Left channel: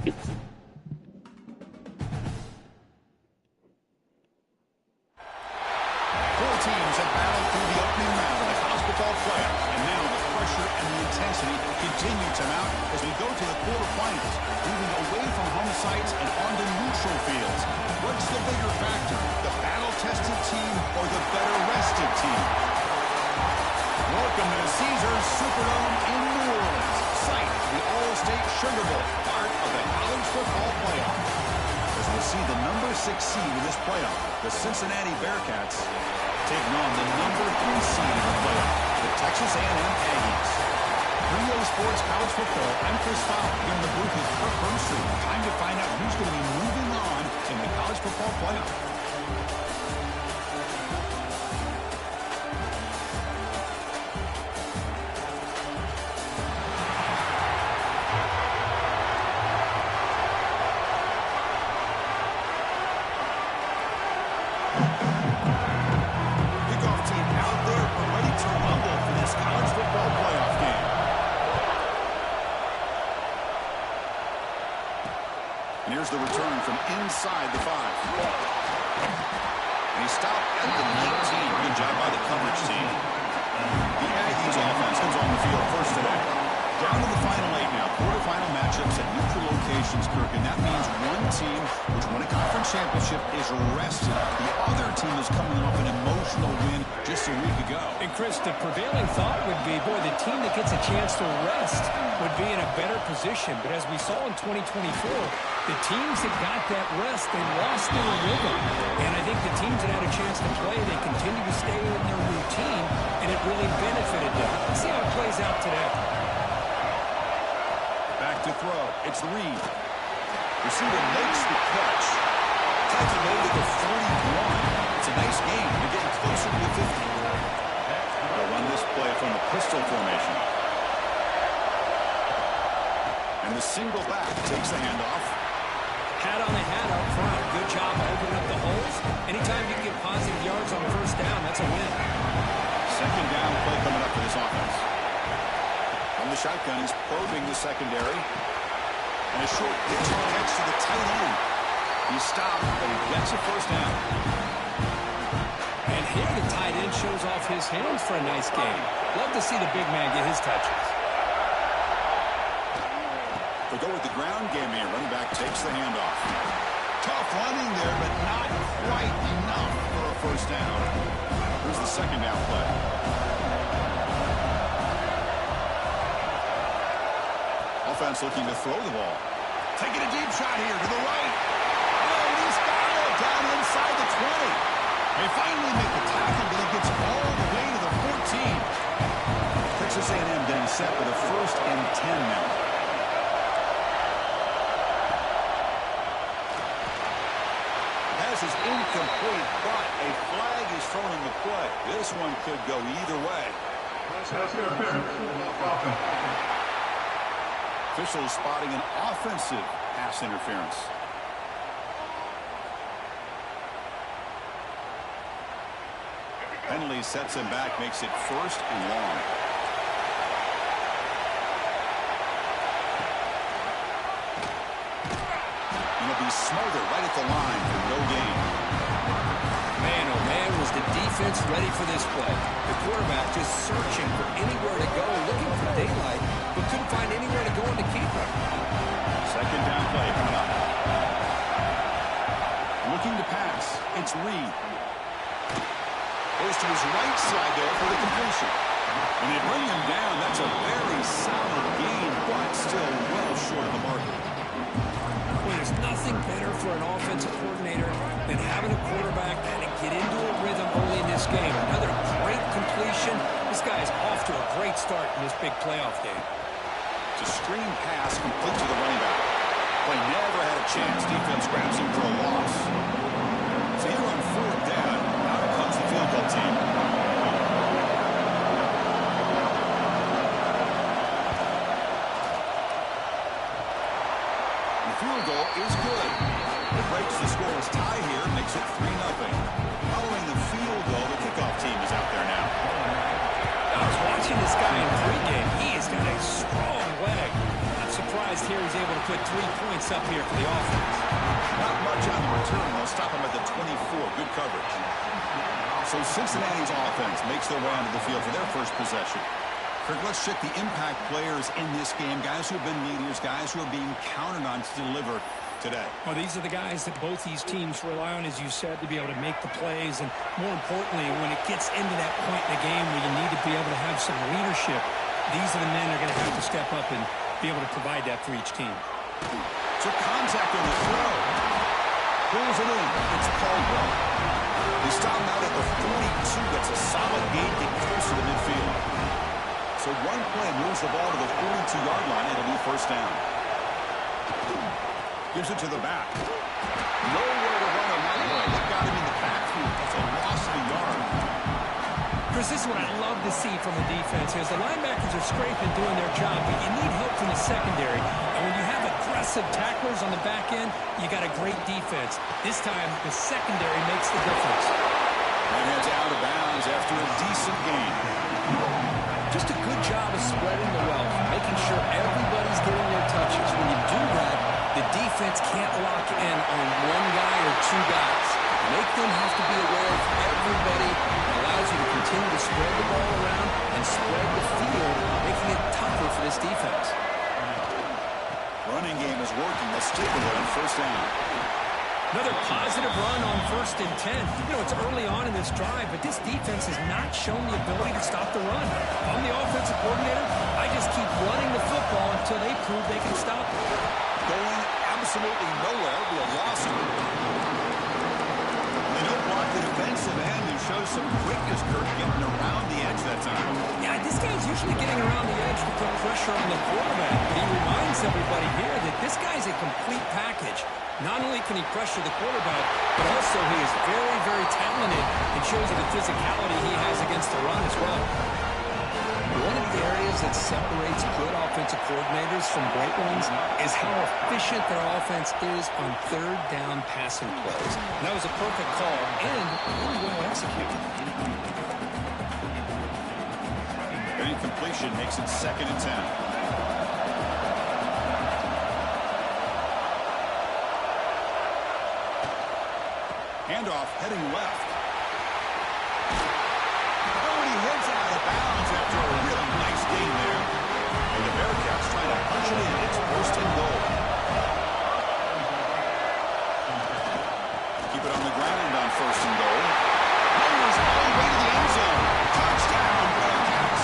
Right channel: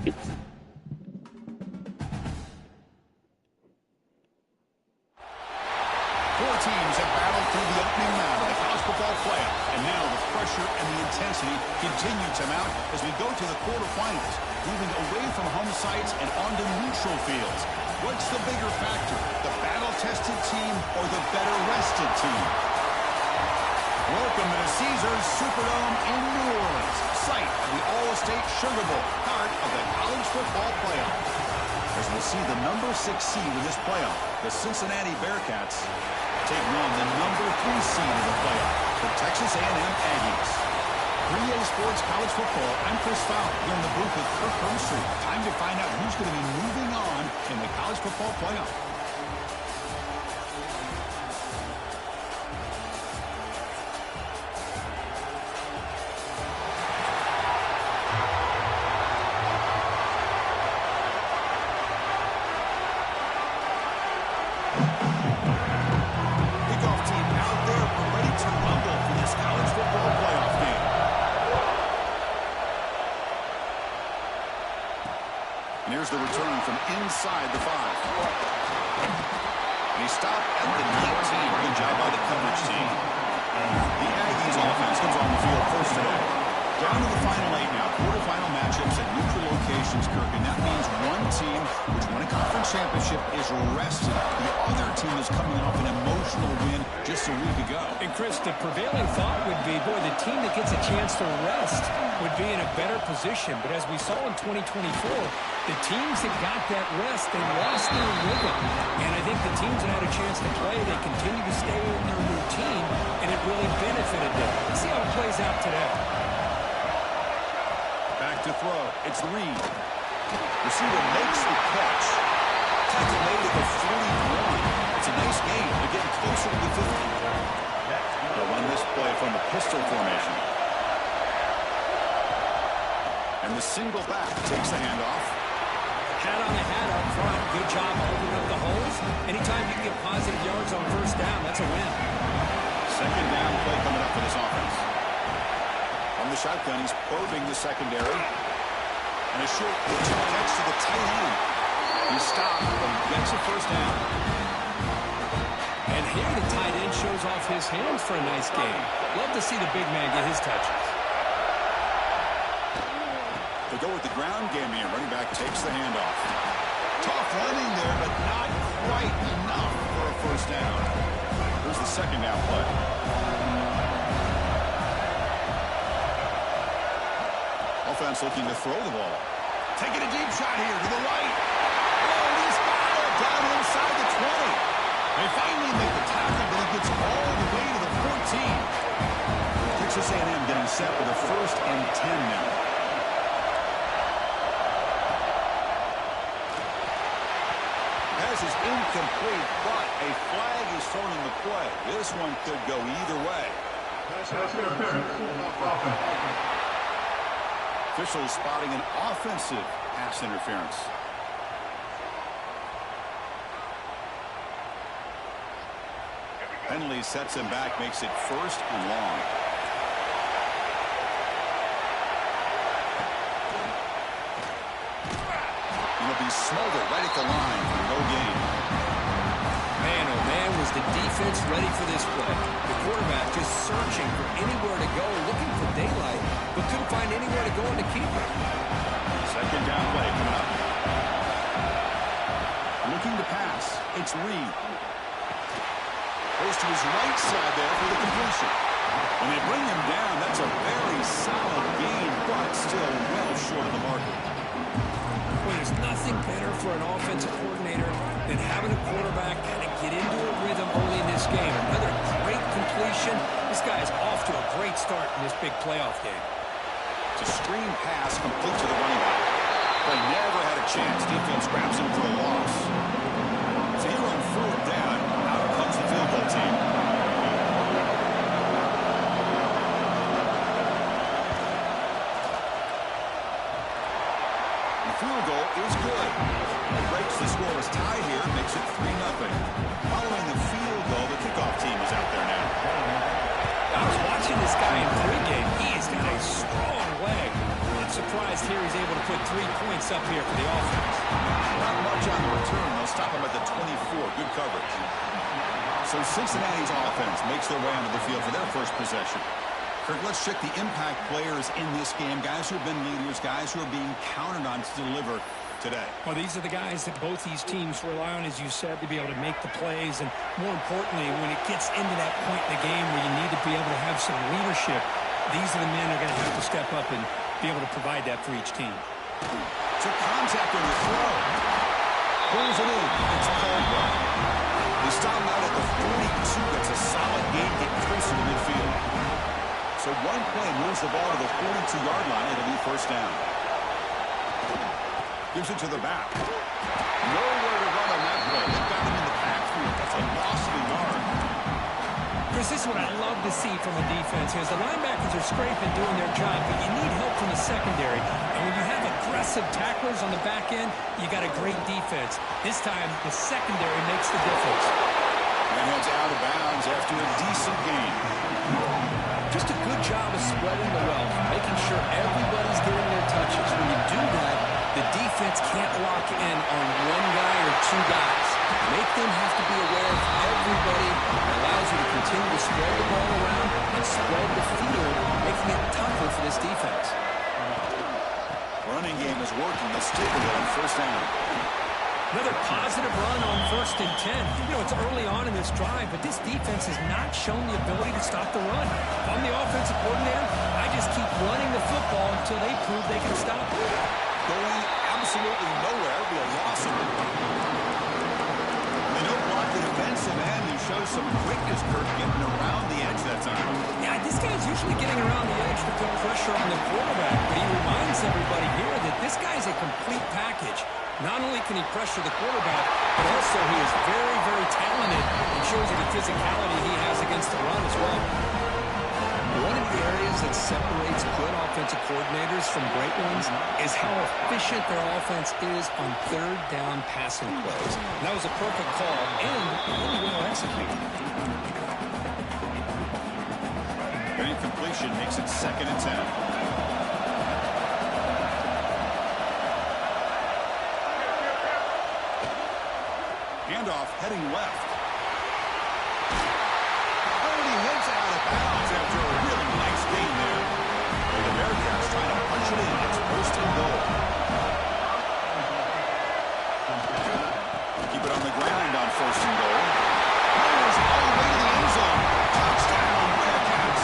Four teams have battled through the opening round of the college football playoff, and now the pressure and the intensity continue to mount as we go to the quarterfinals, moving away from home sites and onto neutral fields. What's the bigger factor, the battle-tested team or the better-rested team? Welcome to the Caesars Superdome in New Orleans, site of the All-State Sugar Bowl, part of the college football playoff. As we'll see the number 6 seed in this playoff, the Cincinnati Bearcats, taking on the number 3 seed in the playoff, the Texas A&M Aggies. 3A Sports College Football, I'm Chris Fowler here in the booth with Kirk Hermstreet. Time to find out who's going to be moving on in the college football playoff. Here's the return from inside the 5. And he stopped at the 19. Good job by the coverage team. The Aggies offense comes on the field first today. Down to the final 8 now. Quarterfinal matchups at neutral locations, Kirk. And that means one team which won a conference championship is rested. The other team is coming off an emotional win just a week ago. And Chris, the prevailing thought would be, boy, the team that gets a chance to rest would be in a better position. But as we saw in 2024, the teams that got that rest, they lost their rhythm. And I think the teams that had a chance to play, they continue to stay in their routine, and it really benefited them. Let's see how it plays out today. Back to throw. It's Reed. Receiver makes the catch. Tackle made at the 41. It's a nice game. They're getting closer to the 50. They'll run this play from the pistol formation. And the single back takes the handoff. Hat on a hat up front. Good job opening up the holes. Anytime you can get positive yards on first down, that's a win. Second down play coming up for this offense. From the shotgun, he's probing the secondary. And a short pitch catch to the tight end. He stopped, but he gets a first down. And here the tight end shows off his hands for a nice game. Love to see the big man get his touches. They'll go with the ground game here. Running back takes the handoff. Tough running there, but not quite enough for a first down. Here's the second down play. Offense looking to throw the ball. Taking a deep shot here to the right. Oh, and he's got it down inside the 20. They finally make the tackle, but he gets all the way to the 14. Texas A&M getting set with a 1st and 10 now. Pass is incomplete, but a flag is thrown in the play. This one could go either way. Officials spotting an offensive pass interference. Penalty sets him back, makes it 1st and long. It'll be Smolder right at the line for no gain. Man, oh man, was the defense ready for this play. The quarterback just searching for anywhere to go, looking for daylight, but couldn't find anywhere to go in the keeper. Second down play coming up. Looking to pass. It's Reed. Goes to his right side there for the completion. When they bring him down, that's a very solid gain, but still well short of the marker. Well, there's nothing better for an offensive coordinator than having a quarterback kind of get into a rhythm early in this game. Another great completion. This guy is off to a great start in this big playoff game. It's a screen pass complete to the running back. Play never had a chance. Defense grabs him for a loss. So here on 4th down, out comes the field goal team. The field goal is good. It breaks the scoreless tie here, makes it 3-0. Following the field goal, the kickoff team is out there now. I was watching this guy in pregame. He has got a strong leg. Not surprised here he's able to put 3 points up here for the offense. Not much on the return. They'll stop him at the 24. Good coverage. So Cincinnati's offense makes their way onto the field for their first possession. Kirk, let's check the impact players in this game. Guys who have been leaders, guys who are being counted on to deliver today. Well, these are the guys that both these teams rely on, as you said, to be able to make the plays. And more importantly, when it gets into that point in the game where you need to be able to have some leadership, these are the men that are going to have to step up and be able to provide that for each team. Took contact on the throw. Pulls it in. It's Caldwell. They stop him out at the 42. Gets a solid gain, get closer to midfield. So one play moves the ball to the 42-yard line. It'll be first down. Gives it to the back. Nowhere to run on that play. They got him in the backfield. That's a loss of a yard. Chris, this is what I love to see from the defense is the linebackers are scraping, doing their job, but you need help from the secondary. And when you have aggressive tacklers on the back end, you got a great defense. This time, the secondary makes the difference. And heads out of bounds after a decent gain. Just a good job of spreading the wealth, making sure everybody's getting their touches. When you do that, the defense can't lock in on one guy or two guys. Make them have to be aware of everybody. It allows you to continue to spread the ball around and spread the field, making it tougher for this defense. Running game is working. They'll stick with it on first down. Another positive run on 1st and 10. You know, it's early on in this drive, but this defense has not shown the ability to stop the run. If I'm the offensive coordinator, I just keep running the football until they prove they can stop it. Going absolutely nowhere. It'll be a loss of it. They don't block the defensive end who shows some quickness, Kirk, getting around the edge that time. Yeah, this guy's usually getting around the edge to put pressure on the quarterback, but he reminds everybody here that this guy's a complete package. Not only can he pressure the quarterback, but also he is very, very talented and shows you the physicality he has against the run as well. One of the areas that separates good offensive coordinators from great ones is how efficient their offense is on third down passing plays. And that was a perfect call and really well executed. An incompletion makes it 2nd and 10. Handoff heading left. Oh, and he heads out of bounds after a really nice gain there. And the Bearcats trying to punch it in. It's 1st and goal. Keep it on the ground on 1st and goal. Powers all the way to the end zone. Touchdown, Bearcats.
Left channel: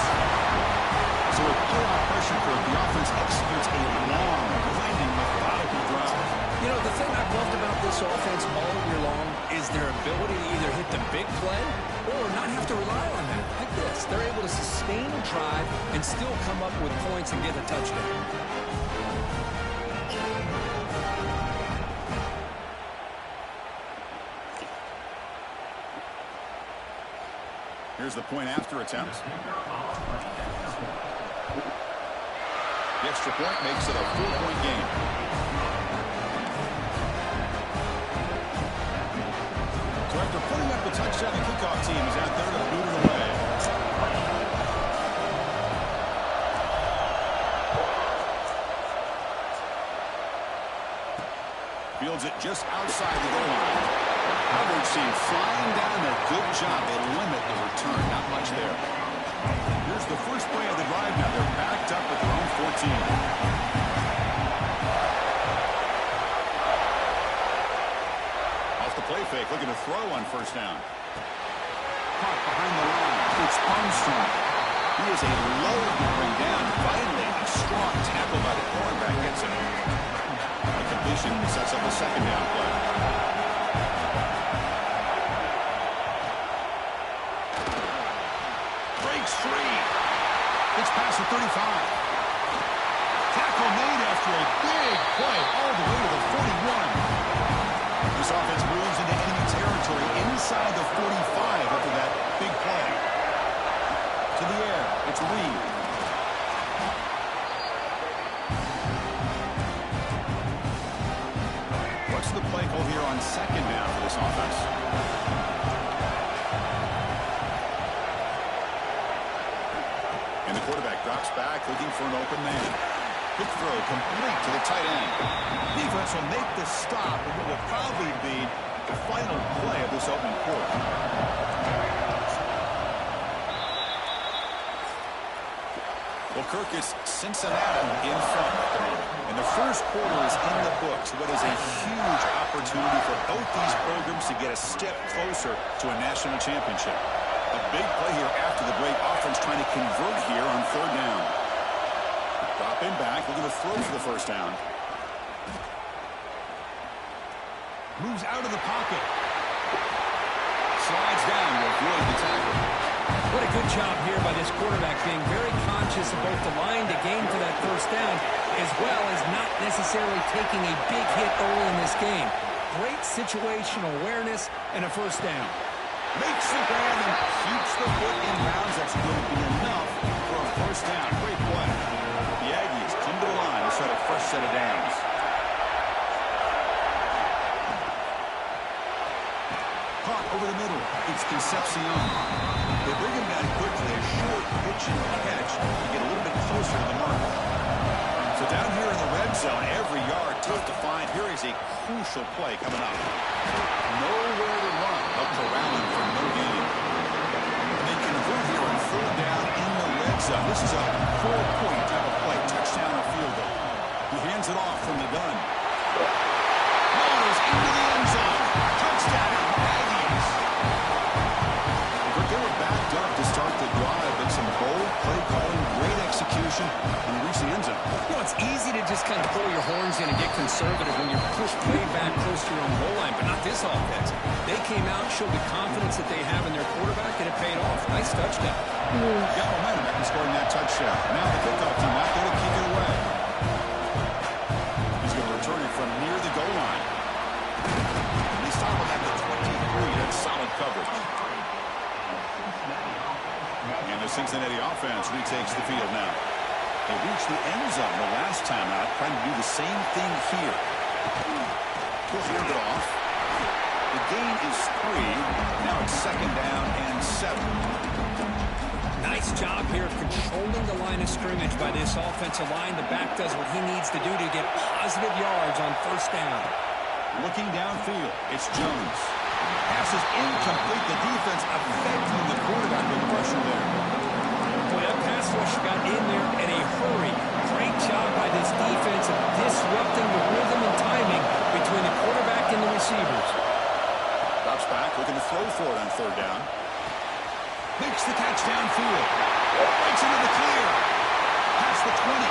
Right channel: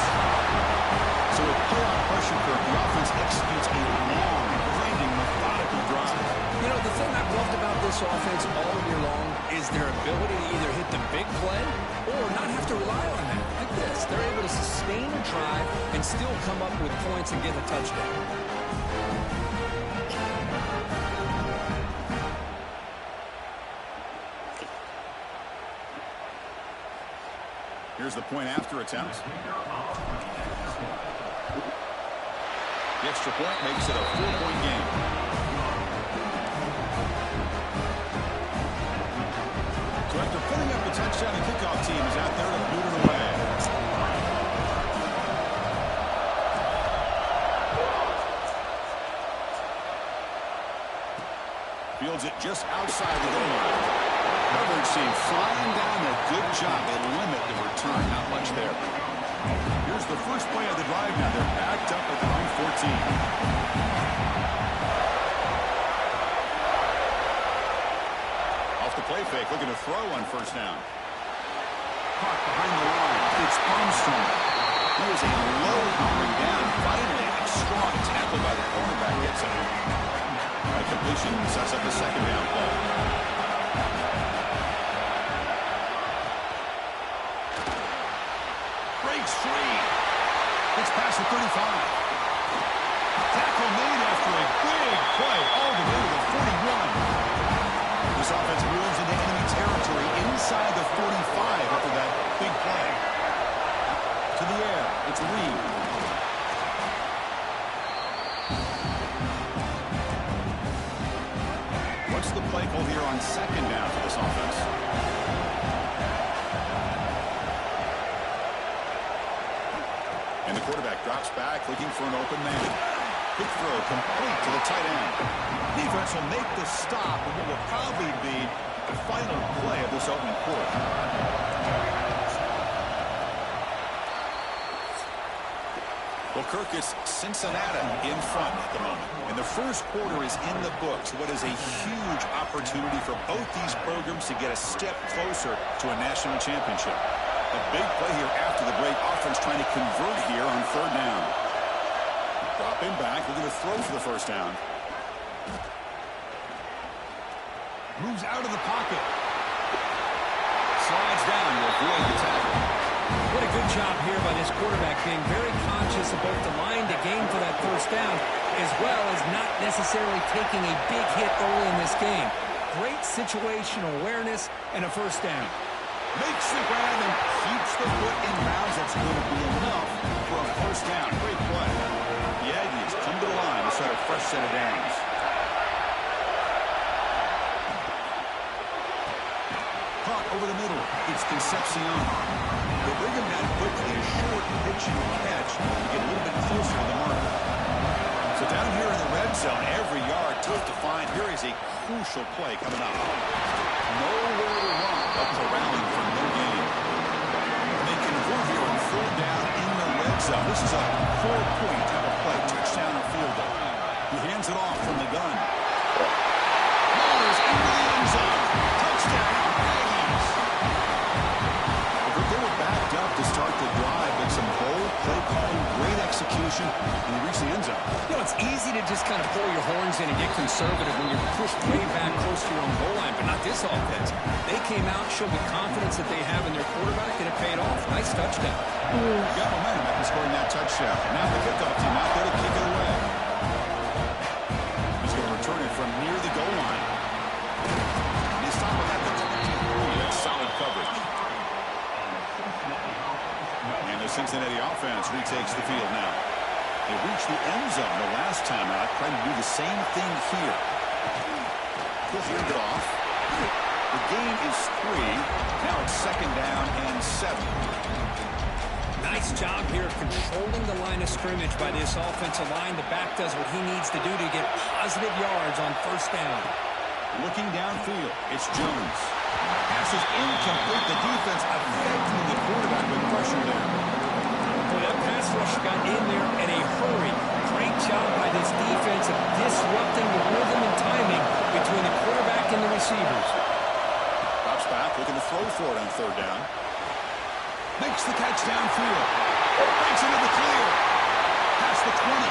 So with playoff pressure, Kirk, the offense executes a long, grinding, methodical drive. You know, the thing I've loved about this offense all year long is their ability to either hit the big play or not have to rely on that. Like this, they're able to sustain a drive and still come up with points and get a touchdown. Here's the point after attempt. The extra point makes it a 4-point game. So after putting up the touchdown, the kickoff team is out there to boot it away. Fields it just outside the goal line. Coverage team flying down there. Good job. They limit the return. Not much there. Here's the first play of the drive now. They're backed up at their own 14. The play fake, looking to throw on first down. Caught behind the line. It's Armstrong. He is a load to bring down. Finally, a strong tackle by the cornerback gets him. A completion sets up a 2nd down play. Breaks free. It's past the 35. Tackle made after a big play all the way to the 41. This offense moves into enemy territory inside the 45 after that big play. To the air, it's Reed. What's the play call here on 2nd down for this offense? And the quarterback drops back looking for an open man. Quick throw complete to the tight end. Defense will make the stop, and what will probably be the final play of this opening quarter. Well, Kirk, it's Cincinnati in front at the moment. And the first quarter is in the books. What is a huge opportunity for both these programs to get a step closer to a national championship. A big play here after the break. Offense trying to convert here on third down. Dropping back, looking to throw for the first down. Moves out of the pocket. Slides down to avoid the tackle. What a good job here by this quarterback, being very conscious of both the line to gain for that first down, as well as not necessarily taking a big hit early in this game. Great situational awareness and a first down. Makes the grab and keeps the foot in bounds. That's going to be enough for a first down. Great play. The Aggies come to the line to set a fresh set of downs. Caught over the middle. It's Concepcion. They bring him down quickly. A short pitch and catch to get a little bit closer to the marker. So down here in the red zone, every yard tough to find. Here is a crucial play coming up. Nowhere to run. Up corralling for no gain. They convert here on third down in the red zone. This is a 4-point type of play. Touchdown or field goal. He hands it off from the gun. Motors into the end zone. Touchdown, Aggies. They were backed up to start the drive, but some bold play calling, great execution, and they reached the end zone. You know, it's easy to just kind of pull your horns in and get conservative when you're pushed way back close to your own goal line, but not this offense. They came out, showed the confidence that they have in their quarterback, and it paid off. Nice touchdown. Got momentum after scoring that touchdown. Now the kickoff team out there to kick it away. He's going to return it from near the goal line. And they stop him at the 23. That's solid coverage. And the Cincinnati offense retakes the field now. They reached the end zone the last time out, trying to do the same thing here. He'll hand it off. The gain is 3. Now it's second down and 7. Nice job here of controlling the line of scrimmage by this offensive line. The back does what he needs to do to get positive yards on first down. Looking downfield, it's Jones. Pass is incomplete. The defense affecting the quarterback with pressure there. Boy, that pass rush got in there in a hurry. Great job by this defense of disrupting the rhythm and timing between the quarterback and the receivers. Drops back, looking to throw for it on third down. Makes the catch downfield. Breaks into the clear. Past the 20.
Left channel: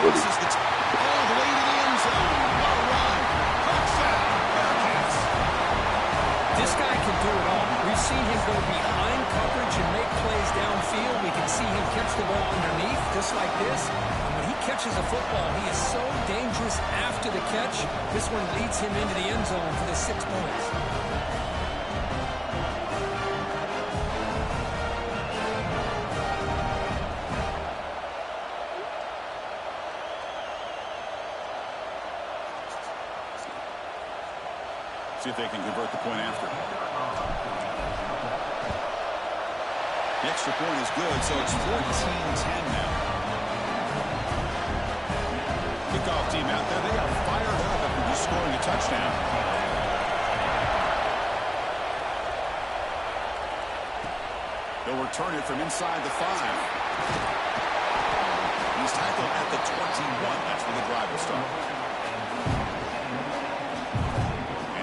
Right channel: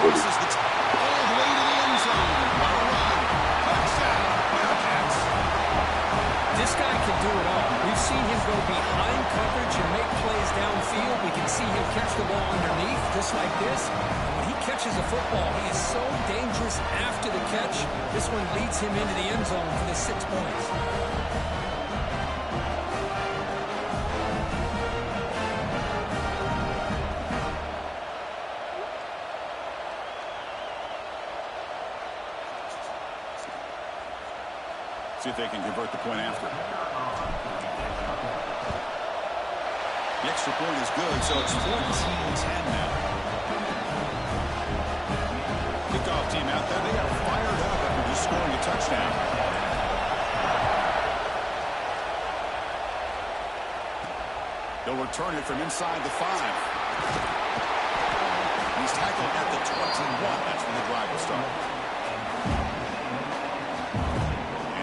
Crosses the all the way to the end zone. What a run. Touchdown, Bearcats. This guy can do it all. We've seen him go behind coverage and make plays downfield. We can see him catch the ball underneath, just like this. And when he catches a football, he is so dangerous after the catch. This one leads him into the end zone for the 6 points. See if they can convert the point after. The extra point is good, so it's 14-10 now. Kickoff team out there. They got fired up after just scoring a touchdown. They'll return it from inside the 5. He's tackled at the 21. That's where the drive will start.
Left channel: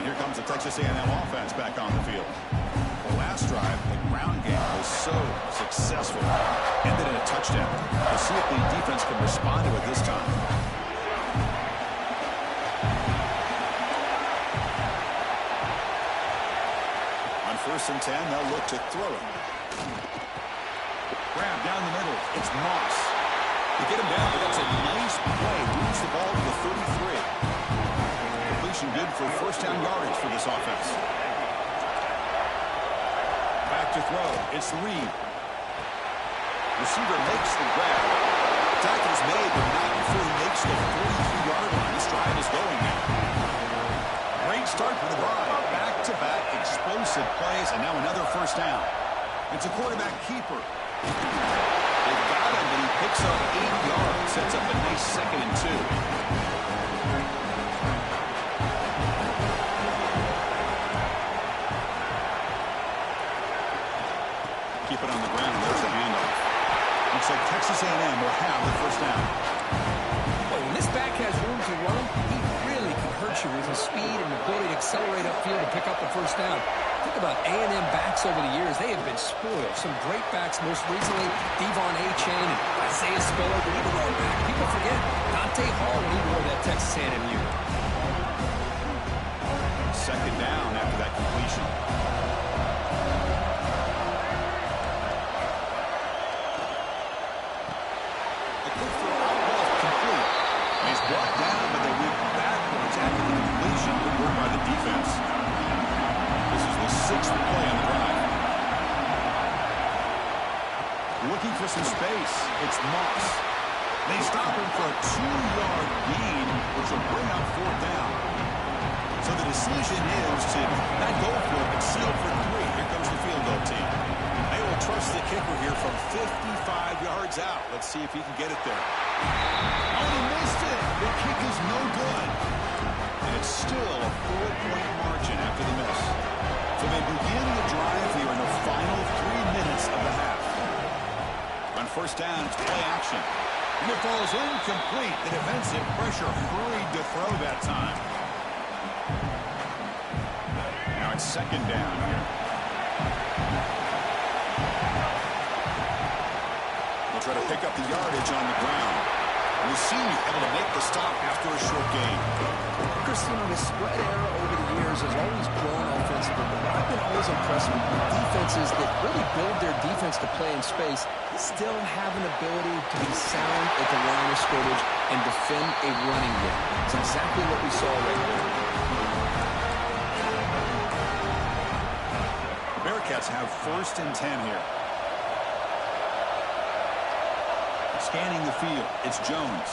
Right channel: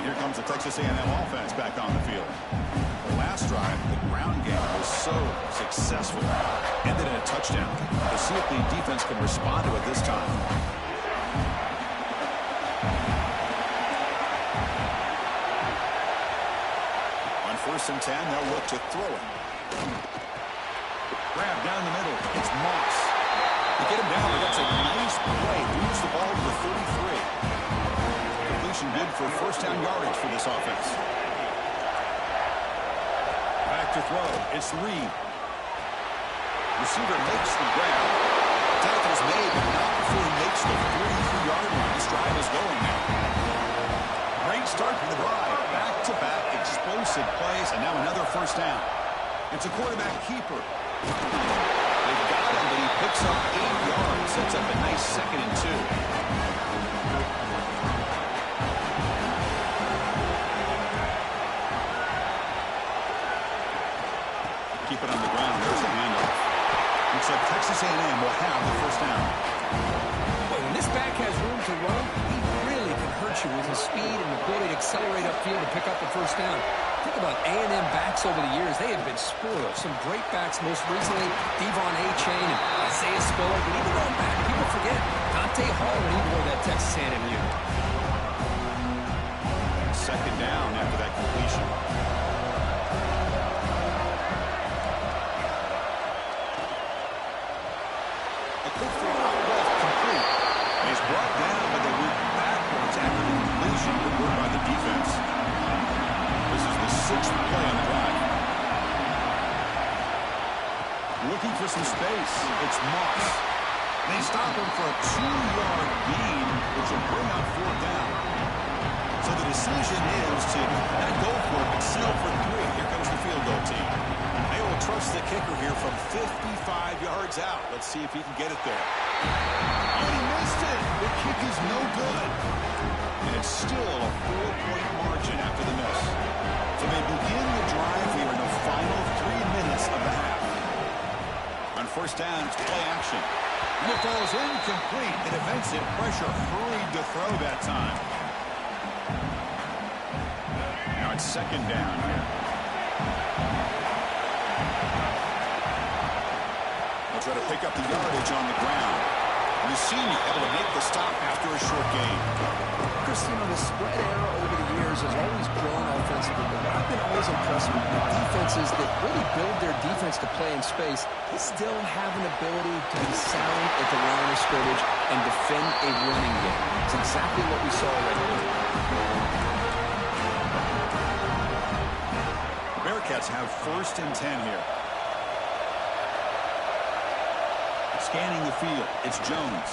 Here comes the Texas A&M offense back on the field. The last drive, the ground game was so successful. Ended in a touchdown. We'll see if the defense can respond to it this time. On 1st and 10, they'll look to throw it. Grab down the middle. It's Moss. To get him down, that's a nice play. Moves the ball to the 33. Good for first down yardage for this offense. Back to throw. It's Reed. Receiver makes the grab. Tackle is made, but not before he makes the 43-yard line. This drive is going now. Great start for the drive. Back-to-back explosive plays, and now another first down. It's a quarterback keeper. They've got him, but he picks up 8 yards. Sets up a nice 2nd and 2. Keep it on the ground. There's the handoff. Looks like Texas A&M will have the first down. Boy, when this back has room to run, he really can hurt you with his speed and ability to accelerate upfield and pick up a first down. Think about A&M backs over the years. They have been spoiled. Some great backs, most recently Devon A-Chain and Isaiah Spiller. But even going back, people forget Dante Hall when he wore that Texas A&M unit. 2nd down after that completion. He's brought down, but they went backwards after the completion. Good work by the defense. This is the 6th play on the drive. Looking for some space. It's Moss. They stop him for a 2-yard gain, which will bring up 4th down. So the decision is to not go for it, but settle for 3. Here comes the field goal team. They will trust the kicker here from 55 yards out. Let's see if he can get it there. Oh, and he missed it. The kick is no good. And it's still a 4-point margin after the miss. So they begin the drive here in the final 3 minutes of the half. On first down, it's play action. And it falls incomplete. The defensive pressure hurried to throw that time. Now it's 2nd down here. They'll try to pick up the yardage on the ground. Lucini able to make the stop after a short gain. Chris, you know, the spread era over the years has always grown offensively, but what I've been always impressed with defenses that really build their defense to play in space, they still have an ability to be sound at the line of scrimmage and defend a running game. It's exactly what we saw right there. The Bearcats have 1st and 10 here. Scanning the field, it's Jones.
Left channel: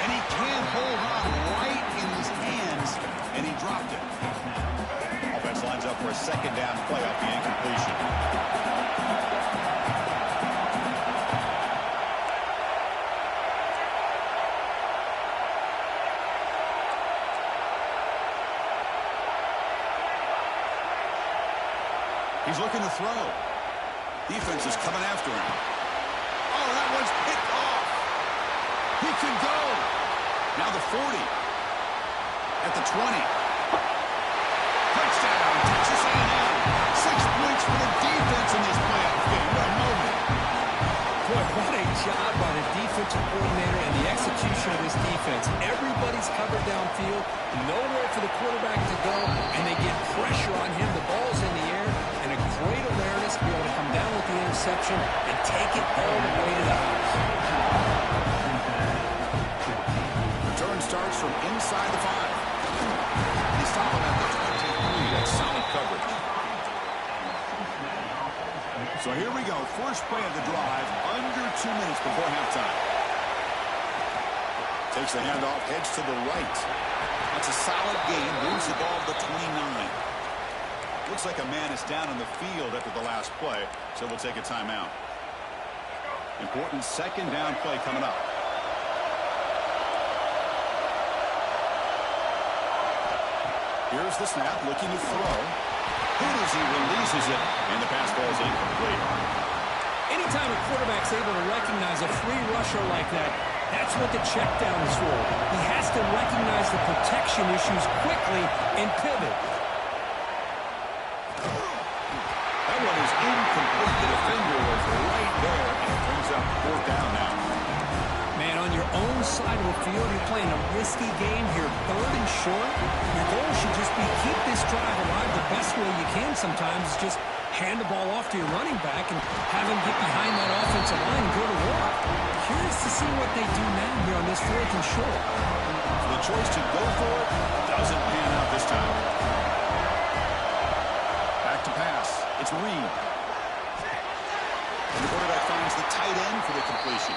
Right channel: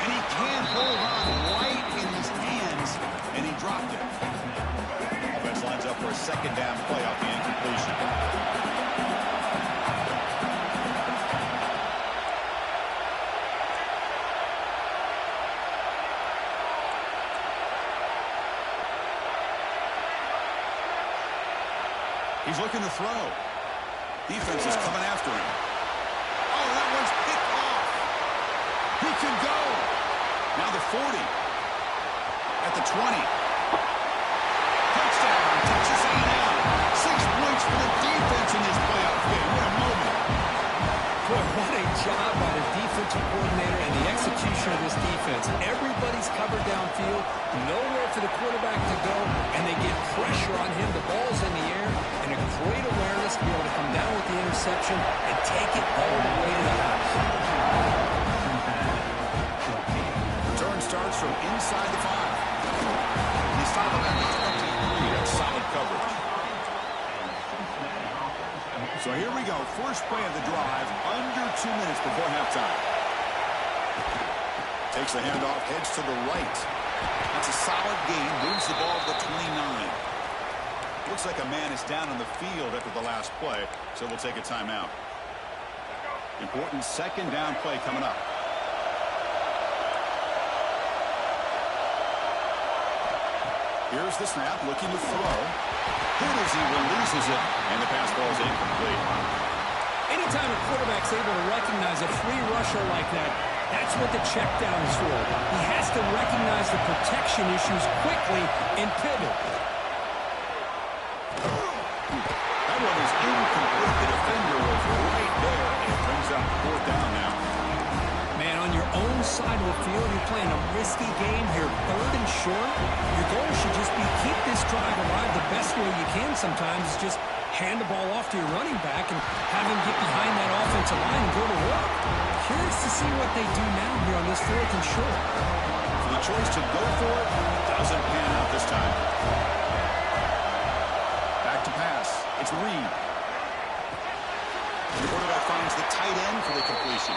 And he can't hold on right in his hands, and he dropped it. Offense lines up for a 2nd down play off the incompletion. He's looking to throw. Defense is coming after him. Oh, that one's picked off. He can go. Now the 40. At the 20. Touchdown, Texas A&M. 6 points for the defense in this playoff game. What a moment. Boy, what a job by the defensive coordinator and the execution of this defense. Everybody's covered downfield, nowhere for the quarterback to go, and they get pressure on him. The ball's in the air, and a great awareness to be able to come down with the interception and take it all the way to the house. Return starts from inside the 5. They stop him at the 23. That's solid coverage. So here we go. First play of the drive, under 2 minutes before halftime. Takes the handoff, heads to the right. That's a solid gain, moves the ball to the 29. Looks like a man is down on the field after the last play, so we'll take a timeout. Important 2nd down play coming up. Here's the snap, looking to throw. Hit as he releases it, and the pass ball is incomplete. Anytime a quarterback's able to recognize a free rusher like that, that's what the check down is for. He has to recognize the protection issues quickly and pivot. That one is incomplete. The defender was right there, and it brings up 4th down now. Man, on your own side of the field, you're playing a risky game here, 3rd and short. Your goal should just be keep this drive alive the best way you can sometimes. Is just hand the ball off to your running back and have him get behind that offensive line and go to work. Curious to see what they do now here on this 4th and short. So the choice to go for it doesn't pan out this time. Back to pass. It's Reed. The quarterback finds the tight end for the completion.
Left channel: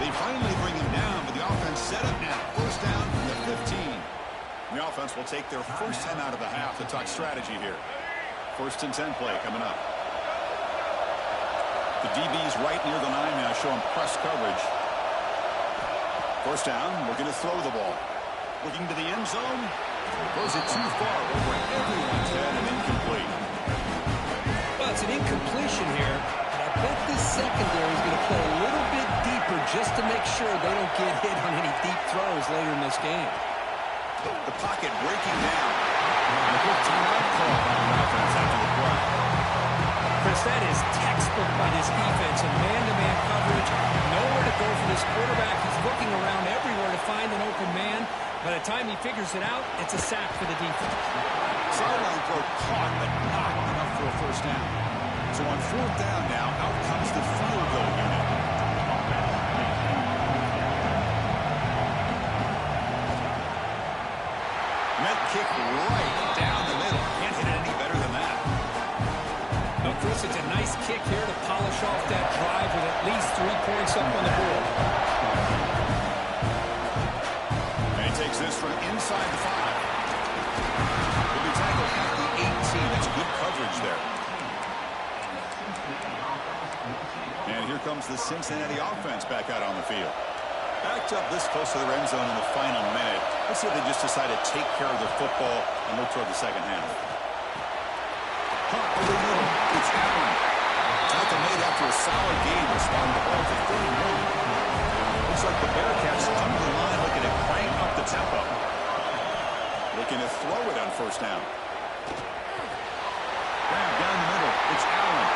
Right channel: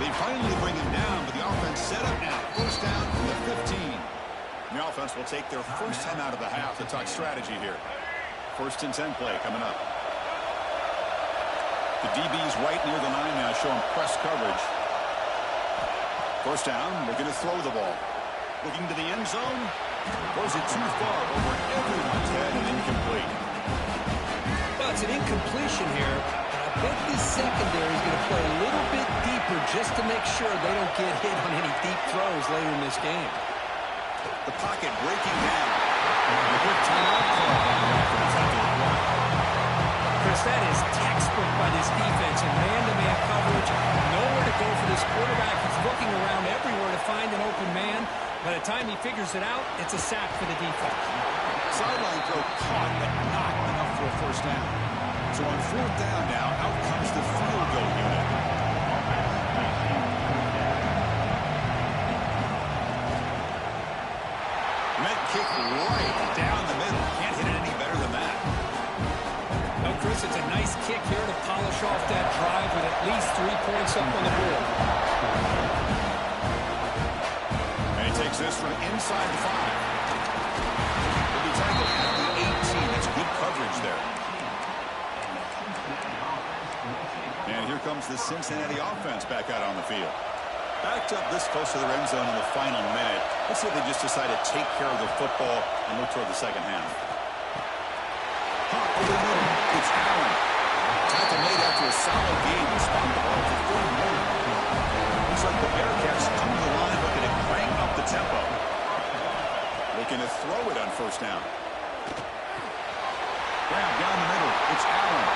They finally bring him down, but the offense set up now. First down from the 15. The offense will take their first time out of the half to talk strategy here. 1st and 10 play coming up. The DB's right near the line now, showing press coverage. First down, we're going to throw the ball. Looking to the end zone. Throws it too far over everyone's head and incomplete. Well, it's an incompletion here, but I bet this secondary is going to play a little bit deeper just to make sure they don't get hit on any deep throws later in this game. The pocket breaking down. And a quick timeout call by the offense after the play. Chris, that is textbook by this defense in man-to-man coverage. Nowhere to go for this quarterback. He's looking around everywhere to find an open man. By the time he figures it out, it's a sack for the defense. Sideline throw caught, but not enough for a first down. So on fourth down now, out comes the field goal unit. Met kick right down the middle. Can't hit it any better than that. No, Chris, it's a nice kick here to polish off that drive with at least 3 points up on the board. And he takes this from inside the 5. He'll be tackled at the 18. That's good coverage there. And here comes the Cincinnati offense back out on the field. Backed up this close to the end zone in the final minute. Let's see if they just decide to take care of the football and look toward the second half. Hot over the middle. It's Allen. Tackle made after a solid game. Will spot the ball to 31. Looks like the Bearcats come to the line looking to crank up the tempo. Looking to throw it on first down. Grab down the middle. It's Allen.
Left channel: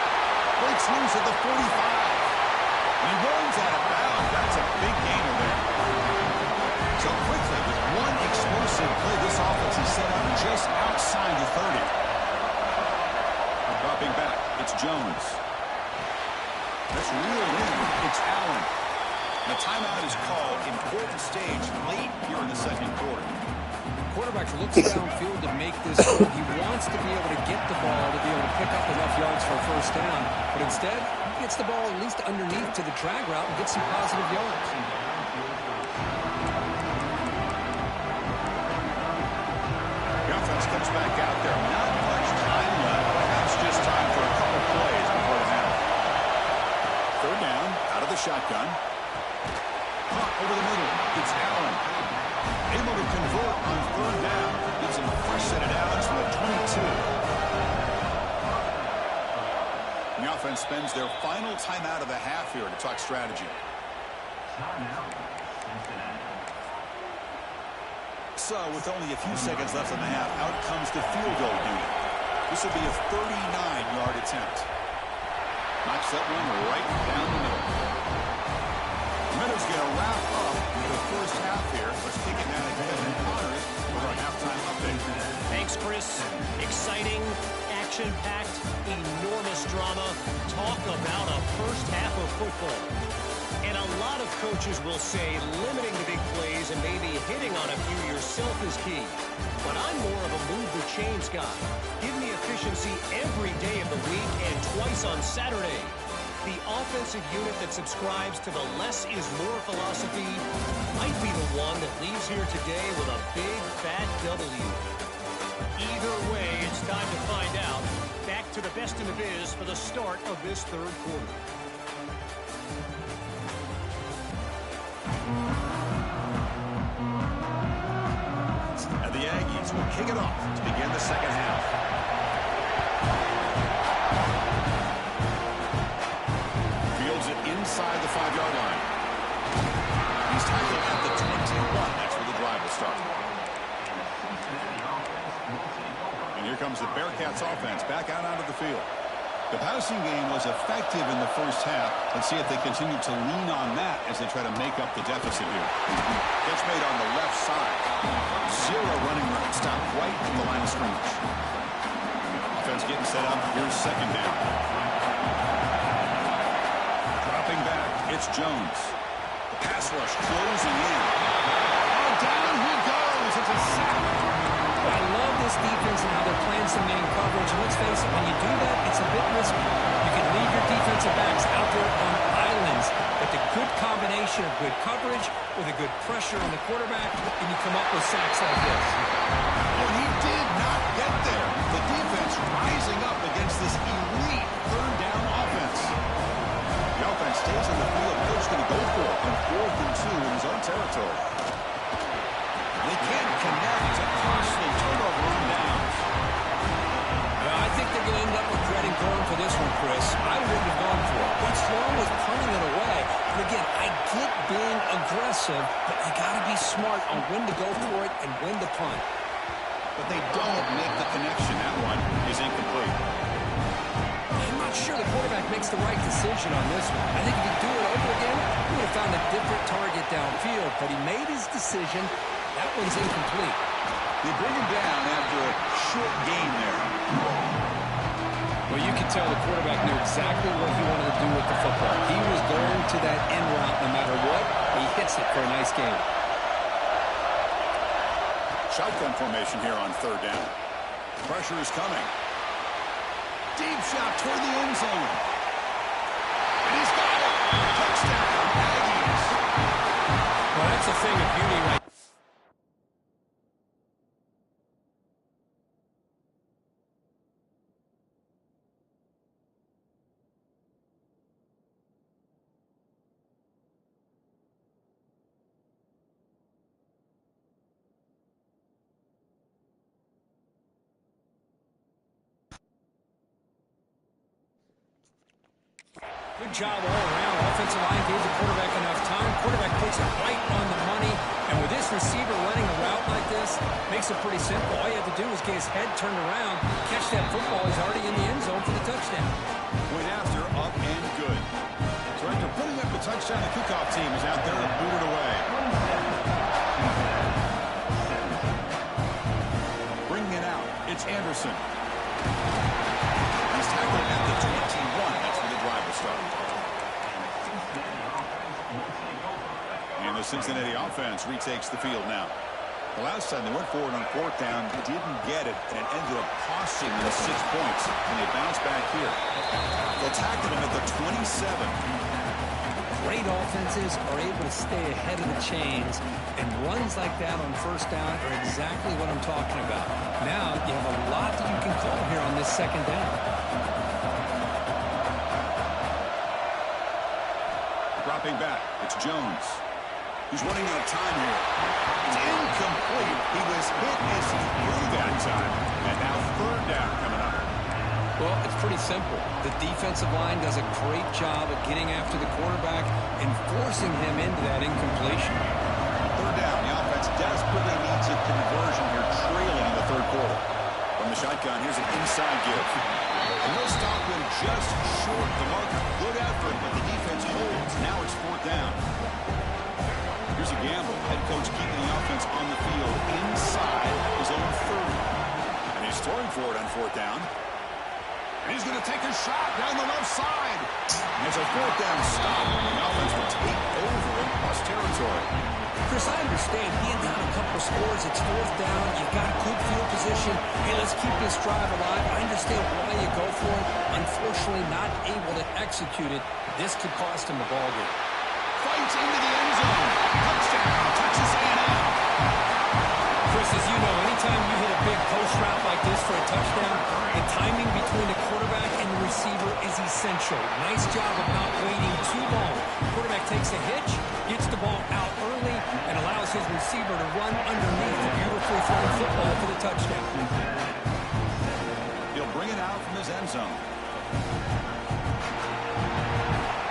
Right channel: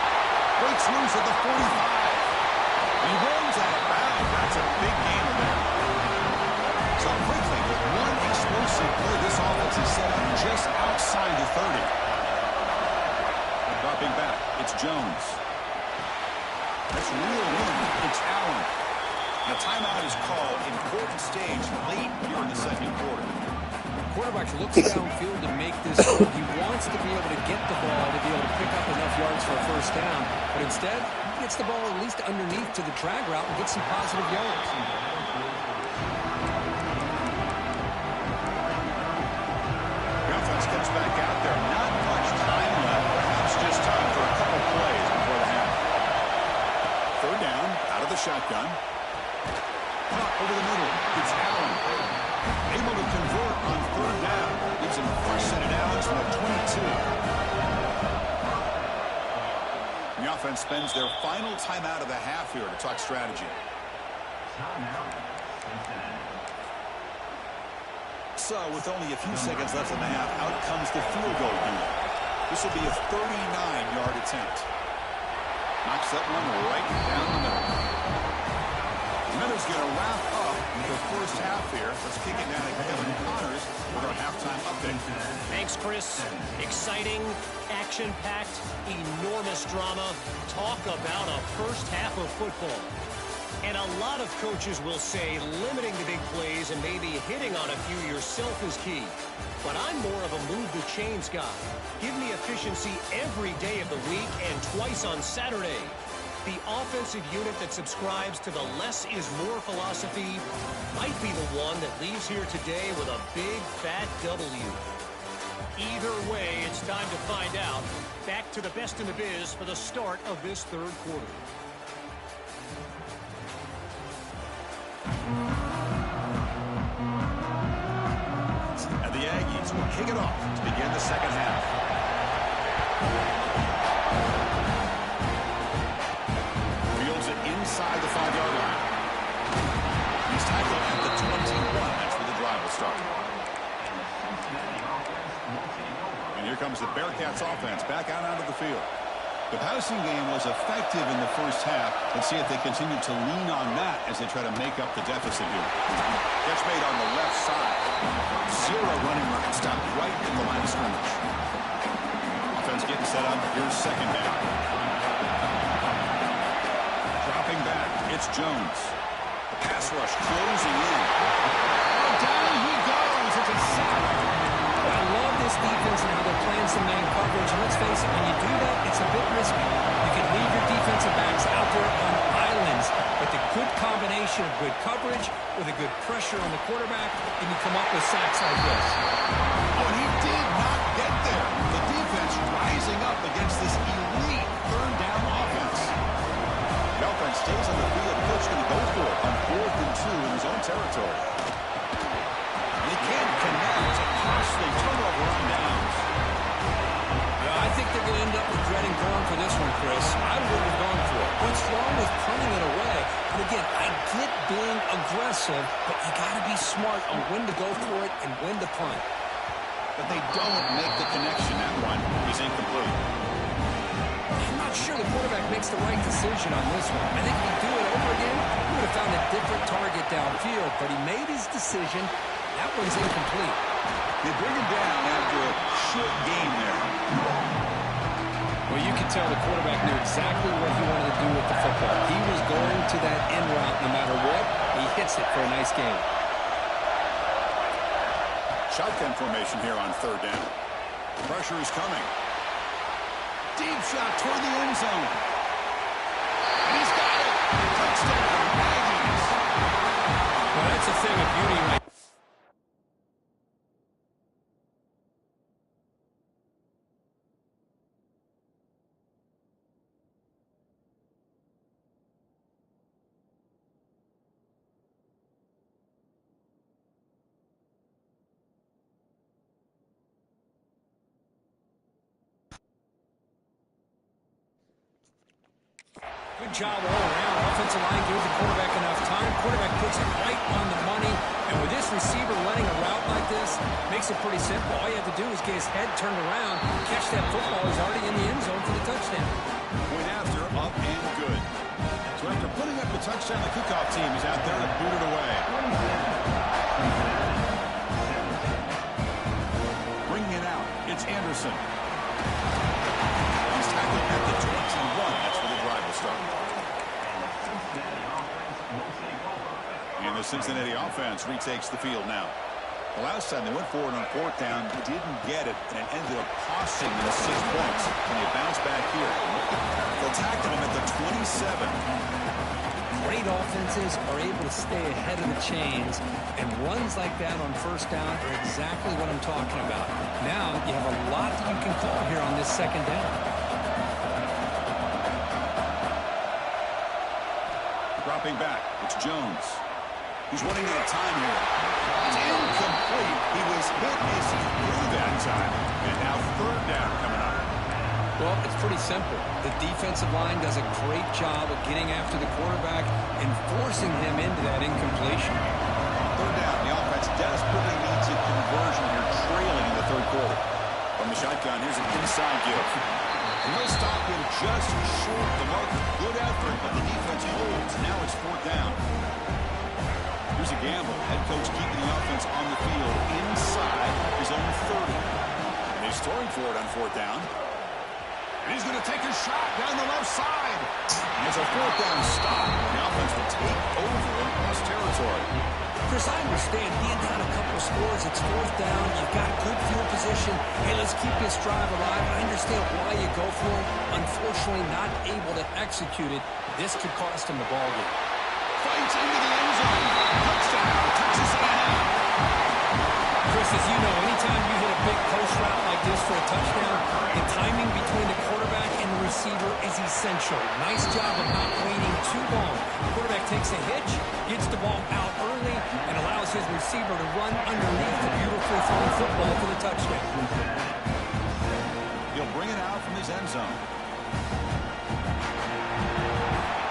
Breaks loose at the 45. He runs out of bounds. That's a big gainer there. So quickly, with one explosive play, this offense is set up just outside the 30. Dropping back, it's Jones. That's real wind. It's Allen. And a timeout is called. Important stage late here in the second quarter. Quarterback looks downfield to make this throw. He wants to be able to get the ball to be able to pick up enough yards for a first down. But instead, he gets the ball at least underneath to the drag route and gets some positive yards. The offense comes back out there. Not much time left. Perhaps just time for a couple plays before the half. Third down, out of the shotgun. Hot over the middle. It's Allen. Able to convert on third down. Gives him a fresh set of downs from the 22. And the offense spends their final timeout of the half here to talk strategy. So, with only a few seconds left in the half, out comes the field goal unit. This will be a 39-yard attempt. Knocks that one right down the middle. Meadows going to wrap up the first half here. Let's kick it down to Kevin Connors with our halftime update. Thanks, Chris. Exciting, action-packed, enormous drama. Talk about a first half of football. And a lot of coaches will say limiting the big plays and maybe hitting on a few yourself is key. But I'm more of a move the chains guy. Give me efficiency every day of the week and twice on Saturday. The offensive unit that subscribes to the less is more philosophy might be the one that leaves here today with a big fat W. Either way, it's time to find out. Back to the best in the biz for the start of this third quarter. And the Aggies will kick it off to begin the second half. Fields it inside the 5-yard line. He's tackled at the 21. That's where the drive will start. And here comes the Bearcats offense back out onto the field. The passing game was effective in the first half. Let's see if they continue to lean on that as they try to make up the deficit here. Catch made on the left side. Zero running room. Stopped right at the line of scrimmage. Offense getting set up. Here's second down. Dropping back. It's Jones. The pass rush closing in. Oh, down he goes. It's a sack. I love this defense and how they're playing some man coverage. And let's face it, when you do that, it's a bit risky. You can leave your defensive backs out there on islands, but the good combination of good coverage with a good pressure on the quarterback, and you come up with sacks like this. Oh, and he did not get there. The defense rising up against this elite third down offense. The offense stays on the field. The coach is going to go for it on 4th and 2 in his own territory. And he can't connect. It's a costly turnover on downs. I think they're going to end up regretting going for this one, Chris. I wouldn't have gone for it. What's wrong with punting it away? And again, I get being aggressive, but you got to be smart on when to go for it and when to punt. But they don't make the connection. That one is incomplete. I'm not sure the quarterback makes the right decision on this one. I think if he'd do it over again, he would have found a different target downfield. But he made his decision. That one's incomplete. They bring him down after a short gain there. Well, you can tell the quarterback knew exactly what he wanted to do with the football. He was going to that end route no matter what. He hits it for a nice gain. Shotgun formation here on 3rd down. Pressure is coming. Deep shot toward the end zone. And he's got it. Touchdown, Aggies. Well, that's a thing of beauty right. Good job all around. Offensive line gave the quarterback enough time. Quarterback puts it right on the money. And with this receiver running a route like this, makes it pretty simple. All you have to do is get his head turned around, catch that football. He's already in the end zone for the touchdown. Point after, up and good. So after putting up the touchdown, the kickoff team is out there to boot it away. Bringing it out, it's Anderson. He's tackled at the 21. That's where the drive will start. And the Cincinnati offense retakes the field now. The last time they went forward on 4th down, they didn't get it, and it ended up costing them 6 points. And they bounce back here. They'll tackle him at the 27. Great offenses are able to stay ahead of the chains, and runs like that on 1st down are exactly what I'm talking about. Now you have a lot that you can call here on this 2nd down. Dropping back, it's Jones. He's running out of time here. It's incomplete. He was hit as he threw that time. And now 3rd down coming up. Well, it's pretty simple. The defensive line does a great job of getting after the quarterback and forcing him into that incompletion. 3rd down. The offense desperately needs a conversion here, trailing in the 3rd quarter. From the shotgun, here's an inside give. And they'll stop him just short the marker. Good effort, but the defense holds. Now it's 4th down. Here's a gamble. Head coach keeping the offense on the field inside his own 30. And he's throwing for it on 4th down. And he's going to take a shot down the left side. It's a 4th down stop. The offense will take over in plus territory. Chris, I understand being down a couple of scores. It's 4th down. You've got good field position. Hey, let's keep this drive alive. I understand why you go for it. Unfortunately, not able to execute it. This could cost him the ball game. Fights into the end zone. Touchdown. Touches A&M. Chris, as you know, anytime you hit a big post route like this for a touchdown, the timing between the quarterback and the receiver is essential. Nice job of not waiting too long. Quarterback takes a hitch, gets the ball out early, and allows his receiver to run underneath the beautifully thrown football for the touchdown. He'll bring it out from his end zone.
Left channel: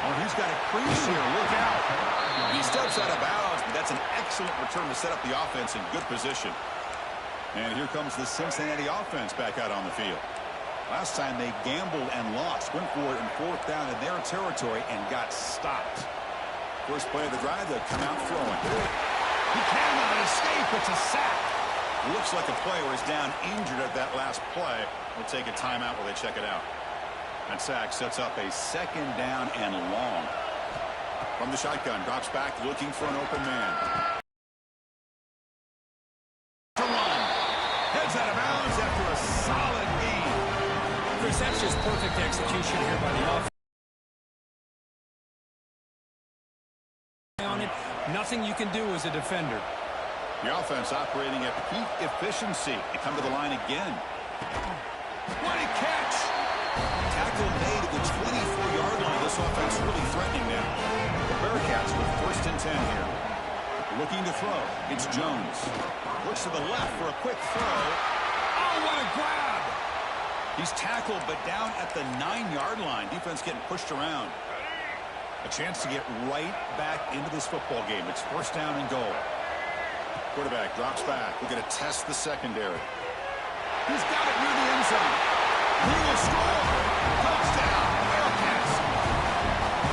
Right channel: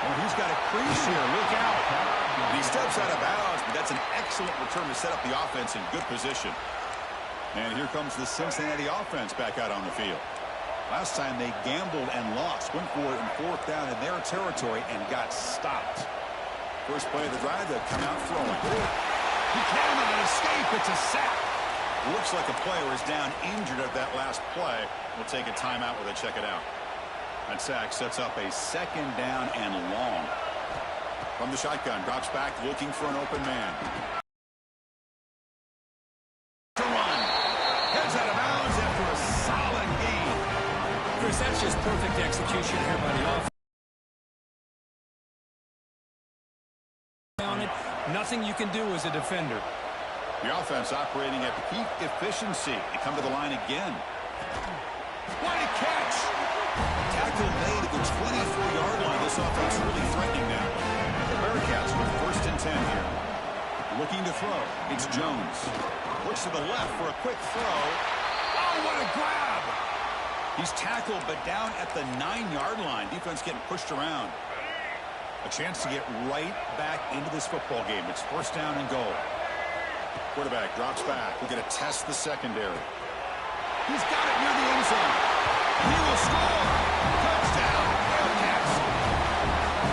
Oh, he's got a crease here. Look out. And he steps out of bounds, but that's an excellent return to set up the offense in good position. And here comes the Cincinnati offense back out on the field. Last time they gambled and lost, went for it in 4th down in their territory and got stopped. First play of the drive, they'll come out throwing. He cannot escape. It's a sack. Looks like a player is down injured at that last play. We'll take a timeout while they check it out. That sack sets up a 2nd down and long. From the shotgun, drops back looking for an open man. To run. Heads out of bounds after a solid gain. Chris, that's just perfect execution here by the offense. On it, nothing you can do as a defender. The offense operating at peak efficiency. They come to the line again. What a catch! Tackle made at the 24-yard line. This offense really threatening now. The Bearcats with 1st and 10 here. Looking to throw. It's Jones. Looks to the left for a quick throw. Oh, what a grab! He's tackled, but down at the 9-yard line. Defense getting pushed around. A chance to get right back into this football game. It's 1st down and goal. Quarterback drops back. We're going to test the secondary. He's got it near the end zone. He will score. Touchdown, Bearcats.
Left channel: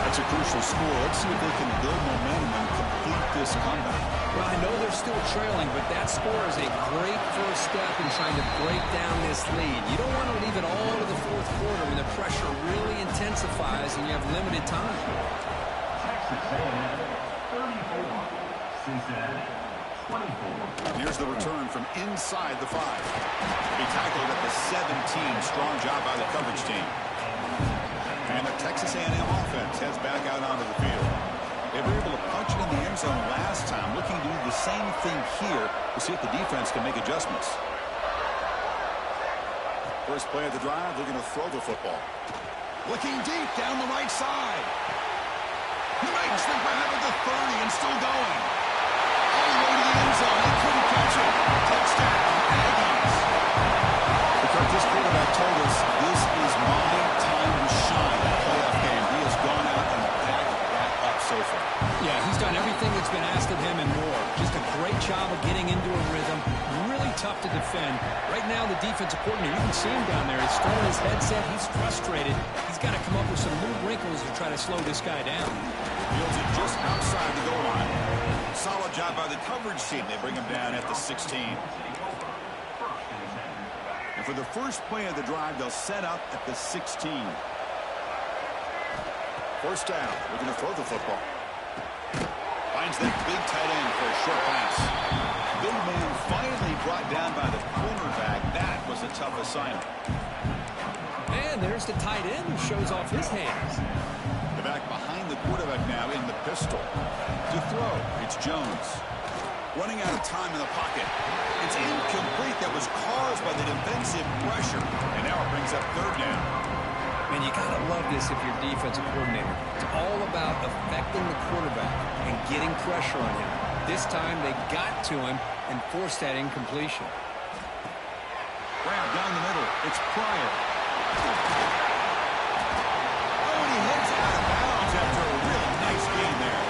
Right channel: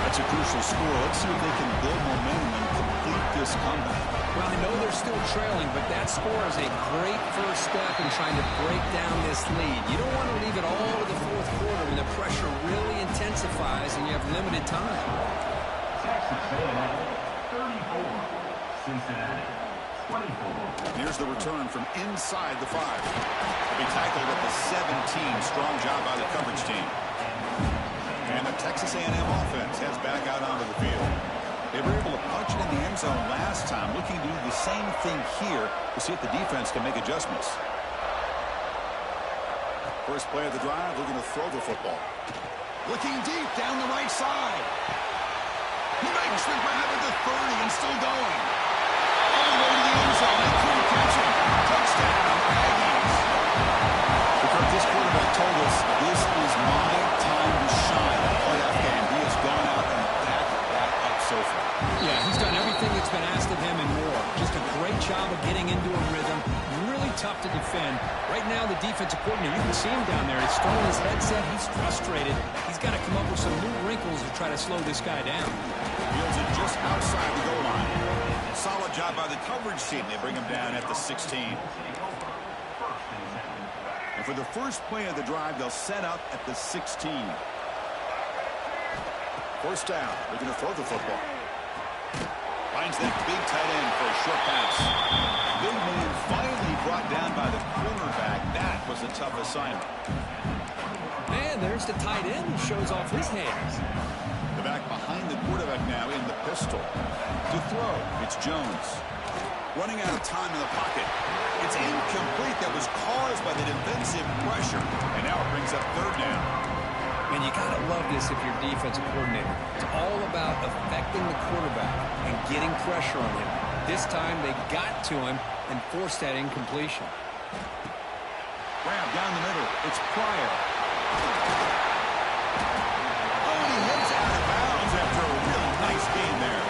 That's a crucial score. Let's see if they can build momentum and complete this comeback. Well, I know they're still trailing, but that score is a great first step in trying to break down this lead. You don't want to leave it all to the 4th quarter when the pressure really intensifies and you have limited time. Texas A&M 34, Cincinnati 24. Here's the return from inside the 5. He'll be tackled at the 17. Strong job by the coverage team. And the Texas A&M offense heads back out onto the field. They were able to punch it in the end zone last time, looking to do the same thing here to see if the defense can make adjustments. First play of the drive, looking to throw the football. Looking deep down the right side. He makes the grab at the 30 and still going. All the way to the end zone. They couldn't catch him. Touchdown, Aggies. Because this quarterback told us this is my time to shine. That playoff game, he has gone out and backed that up so far. Yeah, he's done everything that's been asked of him and more. Just a great job of getting into a rhythm. Really tough to defend. Right now, the defensive coordinator, you can see him down there. He's throwing his headset. He's frustrated. He's got to come up with some new wrinkles to try to slow this guy down. Fields it just outside the goal line. Solid job by the coverage team. They bring him down at the 16. And for the first play of the drive, they'll set up at the 16. First down. They're going to throw the football. Finds that big tight end for a short pass. Big man finally brought down by the cornerback. That was a tough assignment. And there's the tight end who shows off his hands. The back behind the quarterback now in the pistol. To throw, it's Jones. Running out of time in the pocket. It's incomplete. That was caused by the defensive pressure. And now it brings up 3rd down. And you got to love this if you're defensive coordinator. It's all about affecting the quarterback and getting pressure on him. This time they got to him and forced that incompletion. Grab down the middle. It's Pryor. Oh, and he heads out of bounds after a really nice gain there.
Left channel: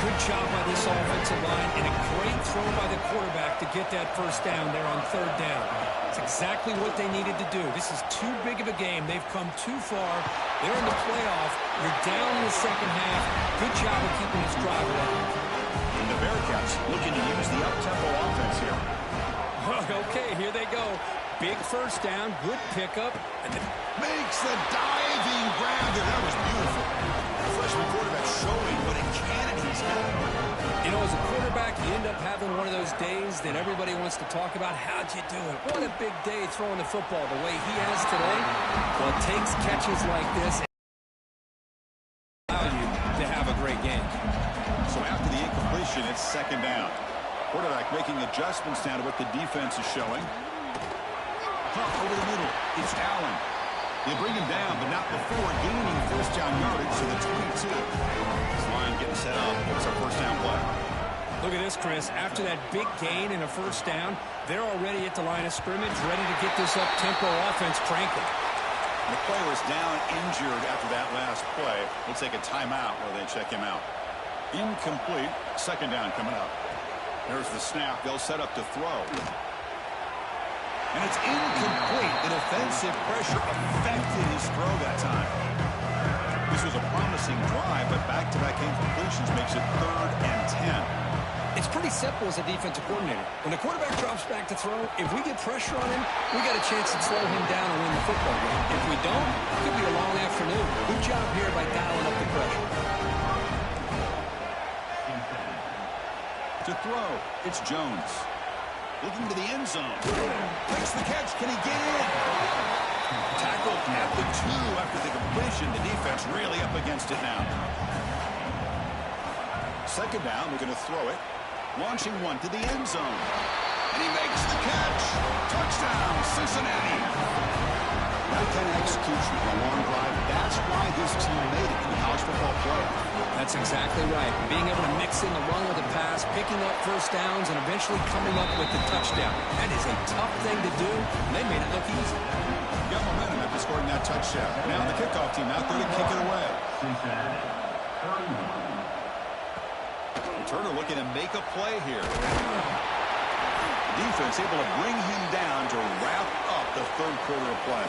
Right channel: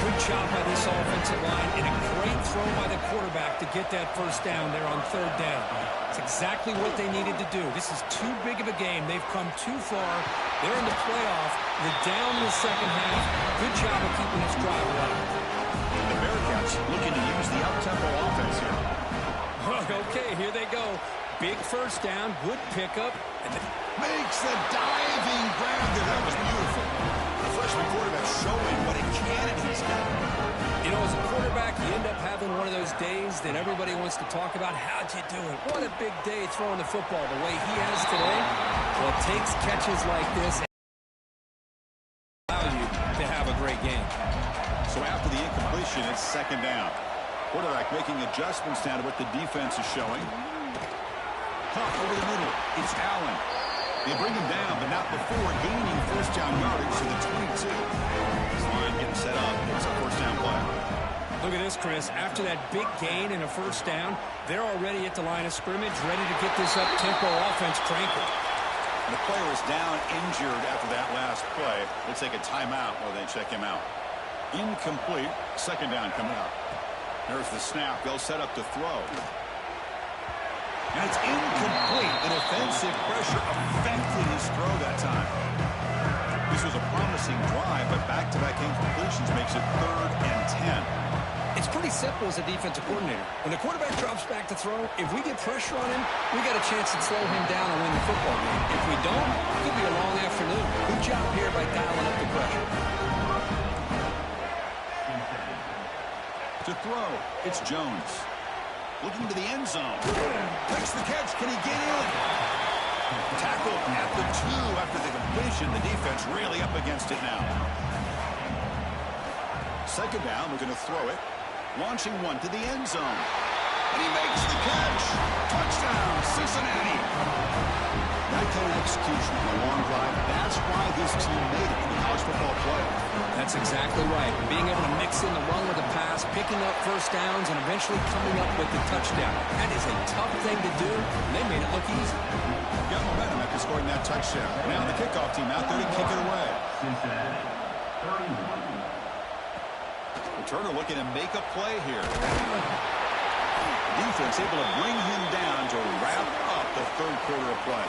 Good job by this offensive line and a great throw by the quarterback to get that first down there on 3rd down. It's exactly what they needed to do. This is too big of a game. They've come too far. They're in the playoff. You're down in the second half. Good job of keeping this drive alive. And the Bearcats looking to use the up-tempo offense here. Okay, here they go. Big first down, good pickup. And makes the diving grab there. That was beautiful. The freshman quarterback showing what a cannon he's got. You know, as a quarterback, you end up having one of those days that everybody wants to talk about. How'd you do it? What a big day throwing the football the way he has today. Well, it takes catches like this and allow you to have a great game. So after the incompletion, it's 2nd down. Quarterback making adjustments now to what the defense is showing. Over the middle, it's Allen. They bring him down, but not before gaining first down yardage to the 22. This line getting set up. It's a first down play. Look at this, Chris. After that big gain and a first down, they're already at the line of scrimmage, ready to get this up-tempo offense cranking. The player is down injured after that last play. We'll take a timeout while they check him out. Incomplete. 2nd down coming up. There's the snap. They'll set up to throw. And it's incomplete. The defensive pressure affected his throw that time. This was a promising drive, but back-to-back incompletions makes it 3rd and 10. It's pretty simple as a defensive coordinator. When the quarterback drops back to throw, if we get pressure on him, we got a chance to slow him down and win the football game. If we don't, it could be a long afternoon. Good job here by dialing up the pressure. To throw, it's Jones. Looking to the end zone. Makes the catch. Can he get in? Tackled at the 2 after the completion. The defense really up against it now. 2nd down. We're going to throw it. Launching one to the end zone. And he makes the catch. Touchdown, Cincinnati. That kind of execution on a long drive, that's why this team made it in the college football playoff. That's exactly right. Being able to mix in the run with the pass, picking up first downs, and eventually coming up with the touchdown. That is a tough thing to do, and they made it look easy. Got momentum after scoring that touchdown. Now the kickoff team out there to kick it away. Cincinnati, 31. Turner looking to make a play here. Defense able to bring him down to wrap up the third quarter of play.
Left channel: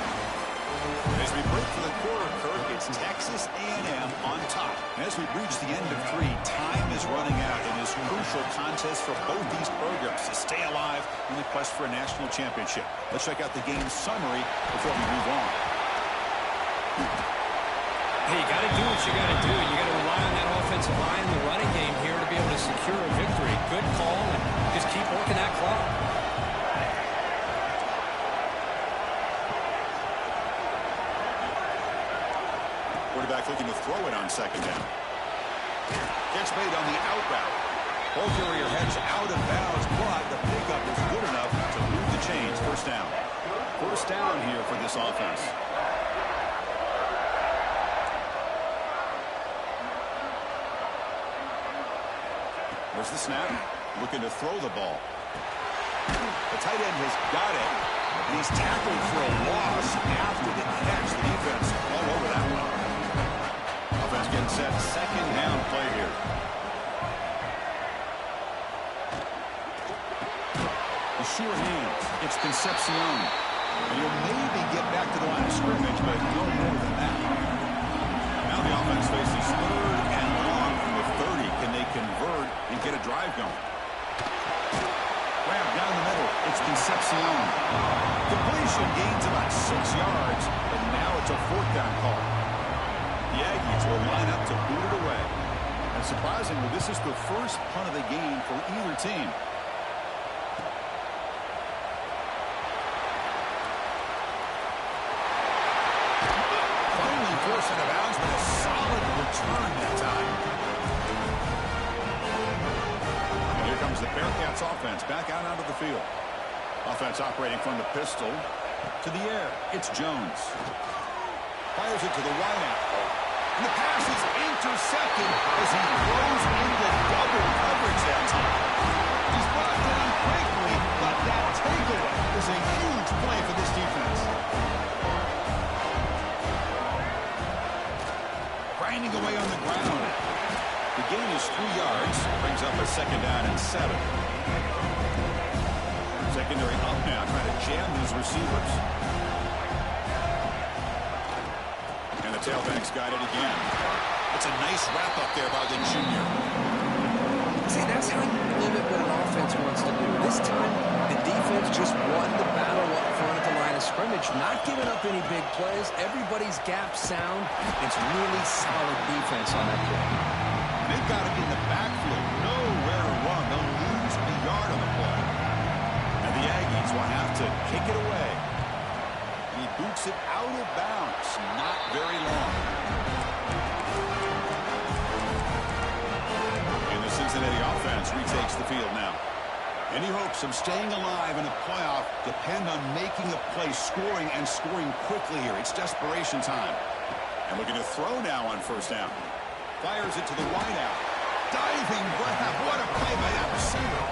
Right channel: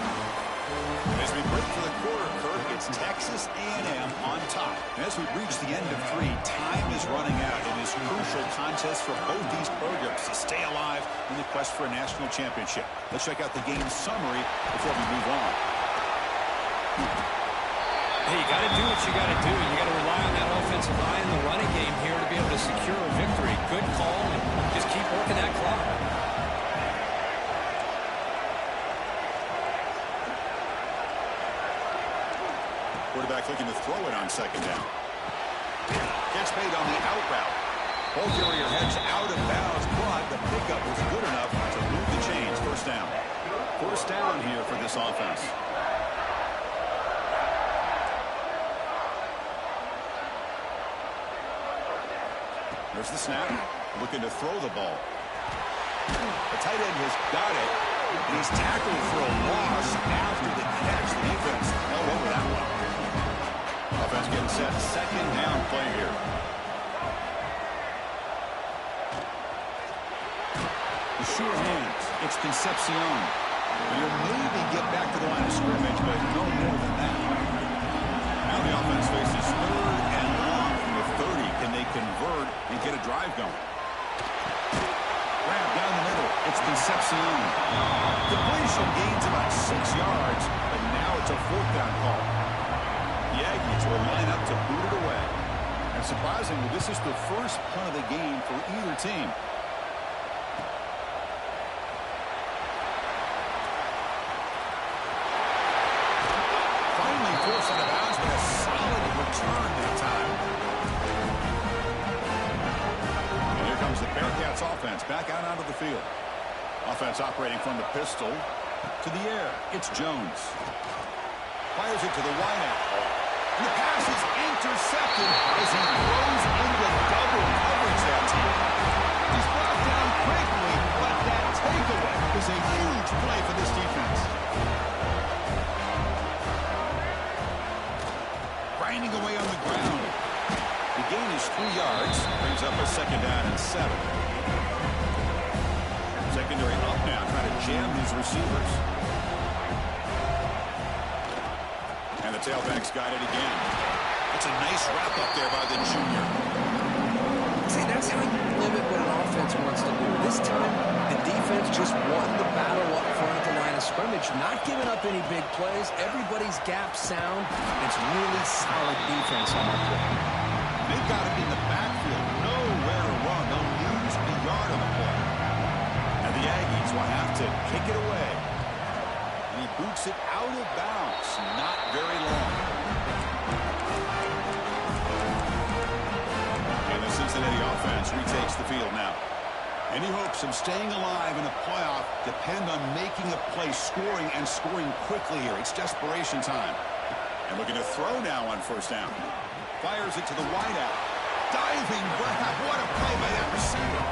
As we break for the quarter, Kirk, it's Texas A&M on top. And as we reach the end of 3, time is running out in this crucial contest for both these programs to stay alive in the quest for a national championship. Let's check out the game summary before we move on. Hey, you got to do what you got to do. You got to rely on that offensive line, the running game here to be able to secure a victory. Good call, and just keep working that clock. Quarterback looking to throw it on second down. Catch made on the out route. Ball carrier heads out of bounds, but the pickup was good enough to move the chains. First down. First down here for this offense. There's the snap. Looking to throw the ball. The tight end has got it. And he's tackled for a loss after the catch. The defense all over that one. Offense getting set. Second down play here. The sure hands. It's Concepcion. And he'll maybe get back to the line of scrimmage, but no more than that. Now the offense faces third and long from the 30. Can they convert and get a drive going? Grab down the middle. It's Concepcion. Completion gains about 6 yards, but now it's a fourth down call. The Aggies will line up to boot it away. And surprisingly, this is the first punt of the game for either team. Finally forced out of bounds, but a solid return that time. And here comes the Bearcats offense back out onto the field. Offense operating from the pistol to the air. It's Jones. Fires it to the wideout. And the pass is intercepted as he throws into double coverage that time. He's brought down quickly, but that takeaway is a huge play for this defense. Grinding away on the ground. The gain is 3 yards. Brings up a second down and 7. Secondary up now, trying to jam these receivers. And the tailback's got it again. It's a nice wrap up there by the junior. See, that's how you limit what an offense wants to do. This time, the defense just won the battle up front at the line of scrimmage, not giving up any big plays. Everybody's gap sound. It's really solid defense on that play. They've got it in the backfield. Nowhere to run. They'll lose a yard on the play. And the Aggies will have to kick it away. And he boots it out of bounds. Not very long. And the Cincinnati offense retakes the field now. Any hopes of staying alive in a playoff depend on making a play, scoring, and scoring quickly here. It's desperation time. And looking to throw now on first down. Fires it to the wideout. Diving grab. What a play by that receiver.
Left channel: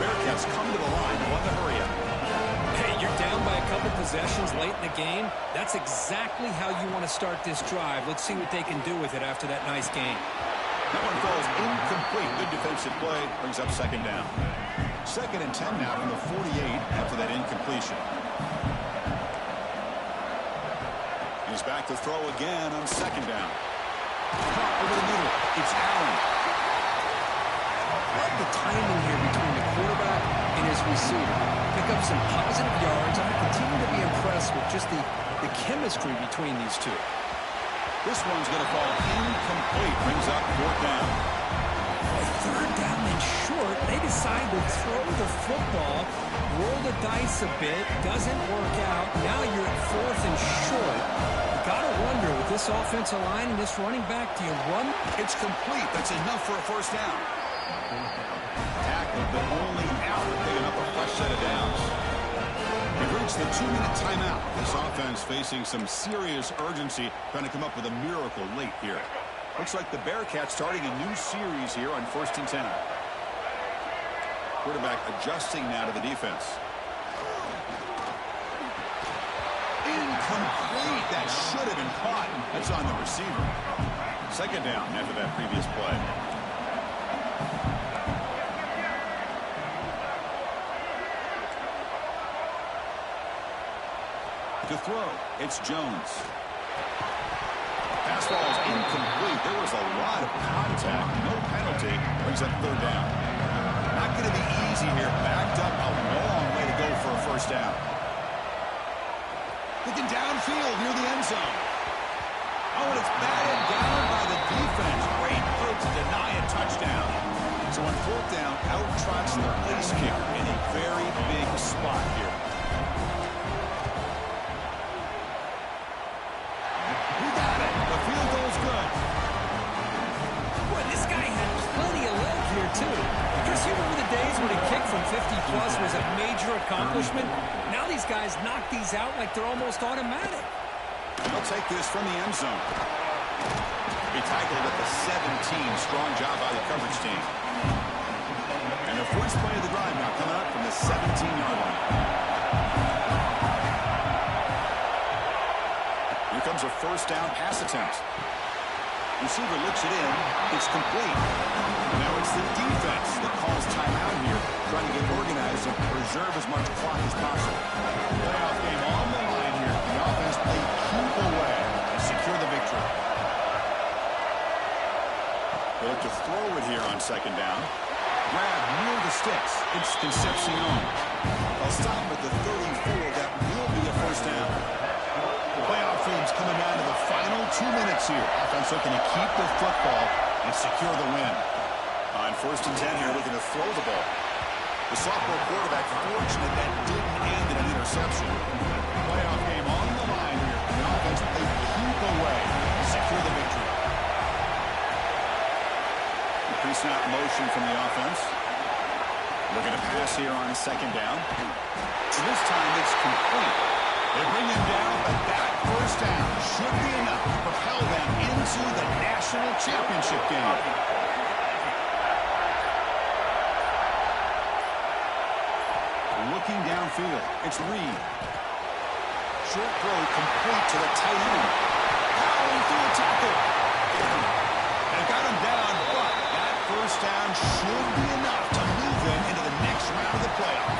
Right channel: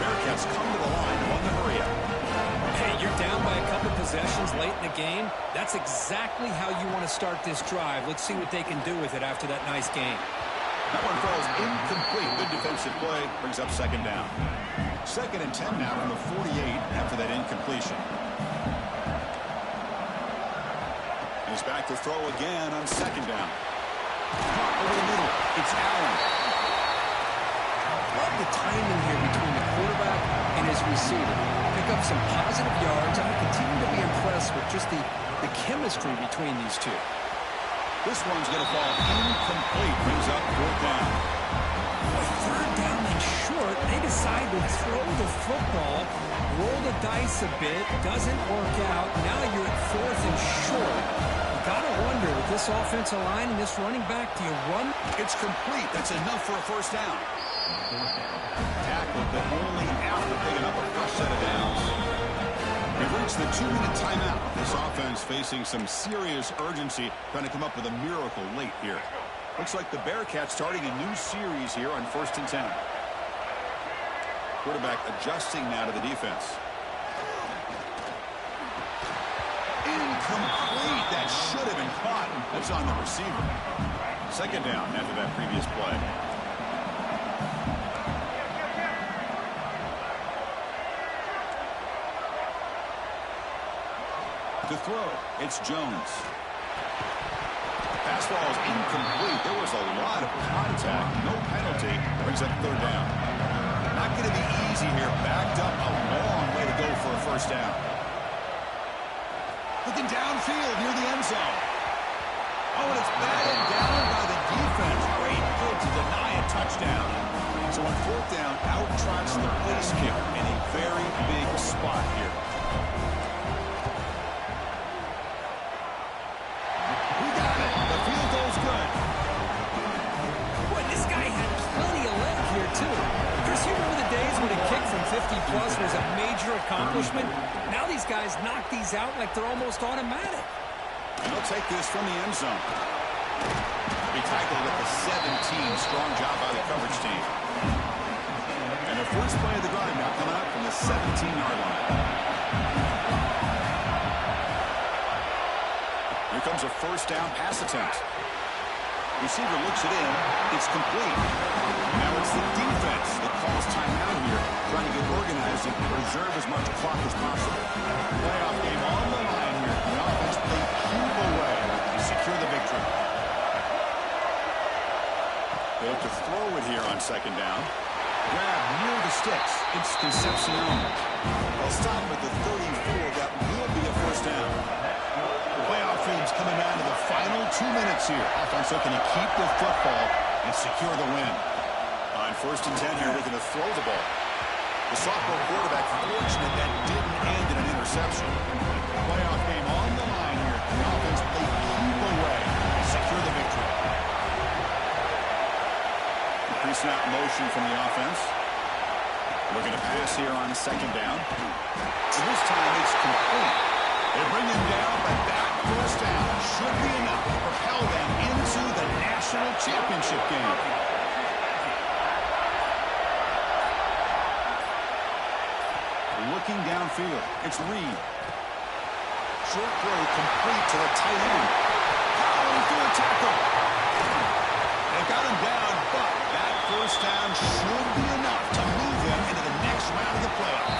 Bearcats come to the line to run the hurry up. Hey, you're down by a couple possessions late in the game. That's exactly how you want to start this drive. Let's see what they can do with it after that nice game. That one falls incomplete. Good defensive play. Brings up second down. Second and 10 now from the 48 after that incompletion. He's back to throw again on second down. Caught over the middle. It's Allen. Love the timing here between the quarterback and his receiver. Pick up some positive yards. I continue to be impressed with just the chemistry between these two. This one's going to fall incomplete. Brings up fourth down. Boy, third down and short. They decide to throw the football, roll the dice a bit. Doesn't work out. Now you're at fourth and short. Got to wonder, with this offensive line and this running back, do you run? It's complete. That's enough for a first down. Tackled, but only after picking up a fresh set of downs. We've reached the 2-minute timeout. This offense facing some serious urgency, trying to come up with a miracle late here. Looks like the Bearcats starting a new series here on 1st and 10. Quarterback adjusting now to the defense. Incomplete. That should have been caught. That's on the receiver. 2nd down after that previous play. To throw, it's Jones. Pass ball is incomplete. There was a lot of contact. No penalty. Brings up 3rd down. Not going to be easy here. Backed up a long way to go for a 1st down. Looking downfield near the end zone. Oh, and it's batted down by the defense. Great play to deny a touchdown. So on 4th down, out trots the place kicker in a very big spot here. We got it. The field goal's good. Boy, this guy had plenty of leg here, too. Chris, you remember the days when a kick from 50-plus was a major accomplishment? Now these guys knock these out like they're almost automatic. And they'll take this from the end zone. Be tackled at the 17. Strong job by the coverage team. And the first play of the drive now coming up from the 17-yard line. Here comes a 1st down pass attempt. Receiver looks it in. It's complete. And now it's the defense that calls timeout here, trying to get organized and preserve as much clock as possible. Playoff game on the line here. The offense played keep away and secure the victory. They look to throw it here on 2nd down. Grab near the sticks. It's Concepcion. They'll stop at the 34. That will be a 1st down. Playoff teams coming down to the final 2 minutes here. Offense looking to keep the football and secure the win. On 1st and 10 here, looking to throw the ball. The sophomore quarterback fortunate that didn't end in an interception. Playoff game on the line here. The offense played keep away and secure the victory. Pre-snap motion from the offense. Looking to pass here on 2nd down. And this time it's complete. They bring him down, but that 1st down should be enough to propel them into the national championship game. Looking downfield, it's Reed. Short throw complete to the tight end. Powering through a tackle. They got him down, but that 1st down should be enough to move them into the next round of the playoff.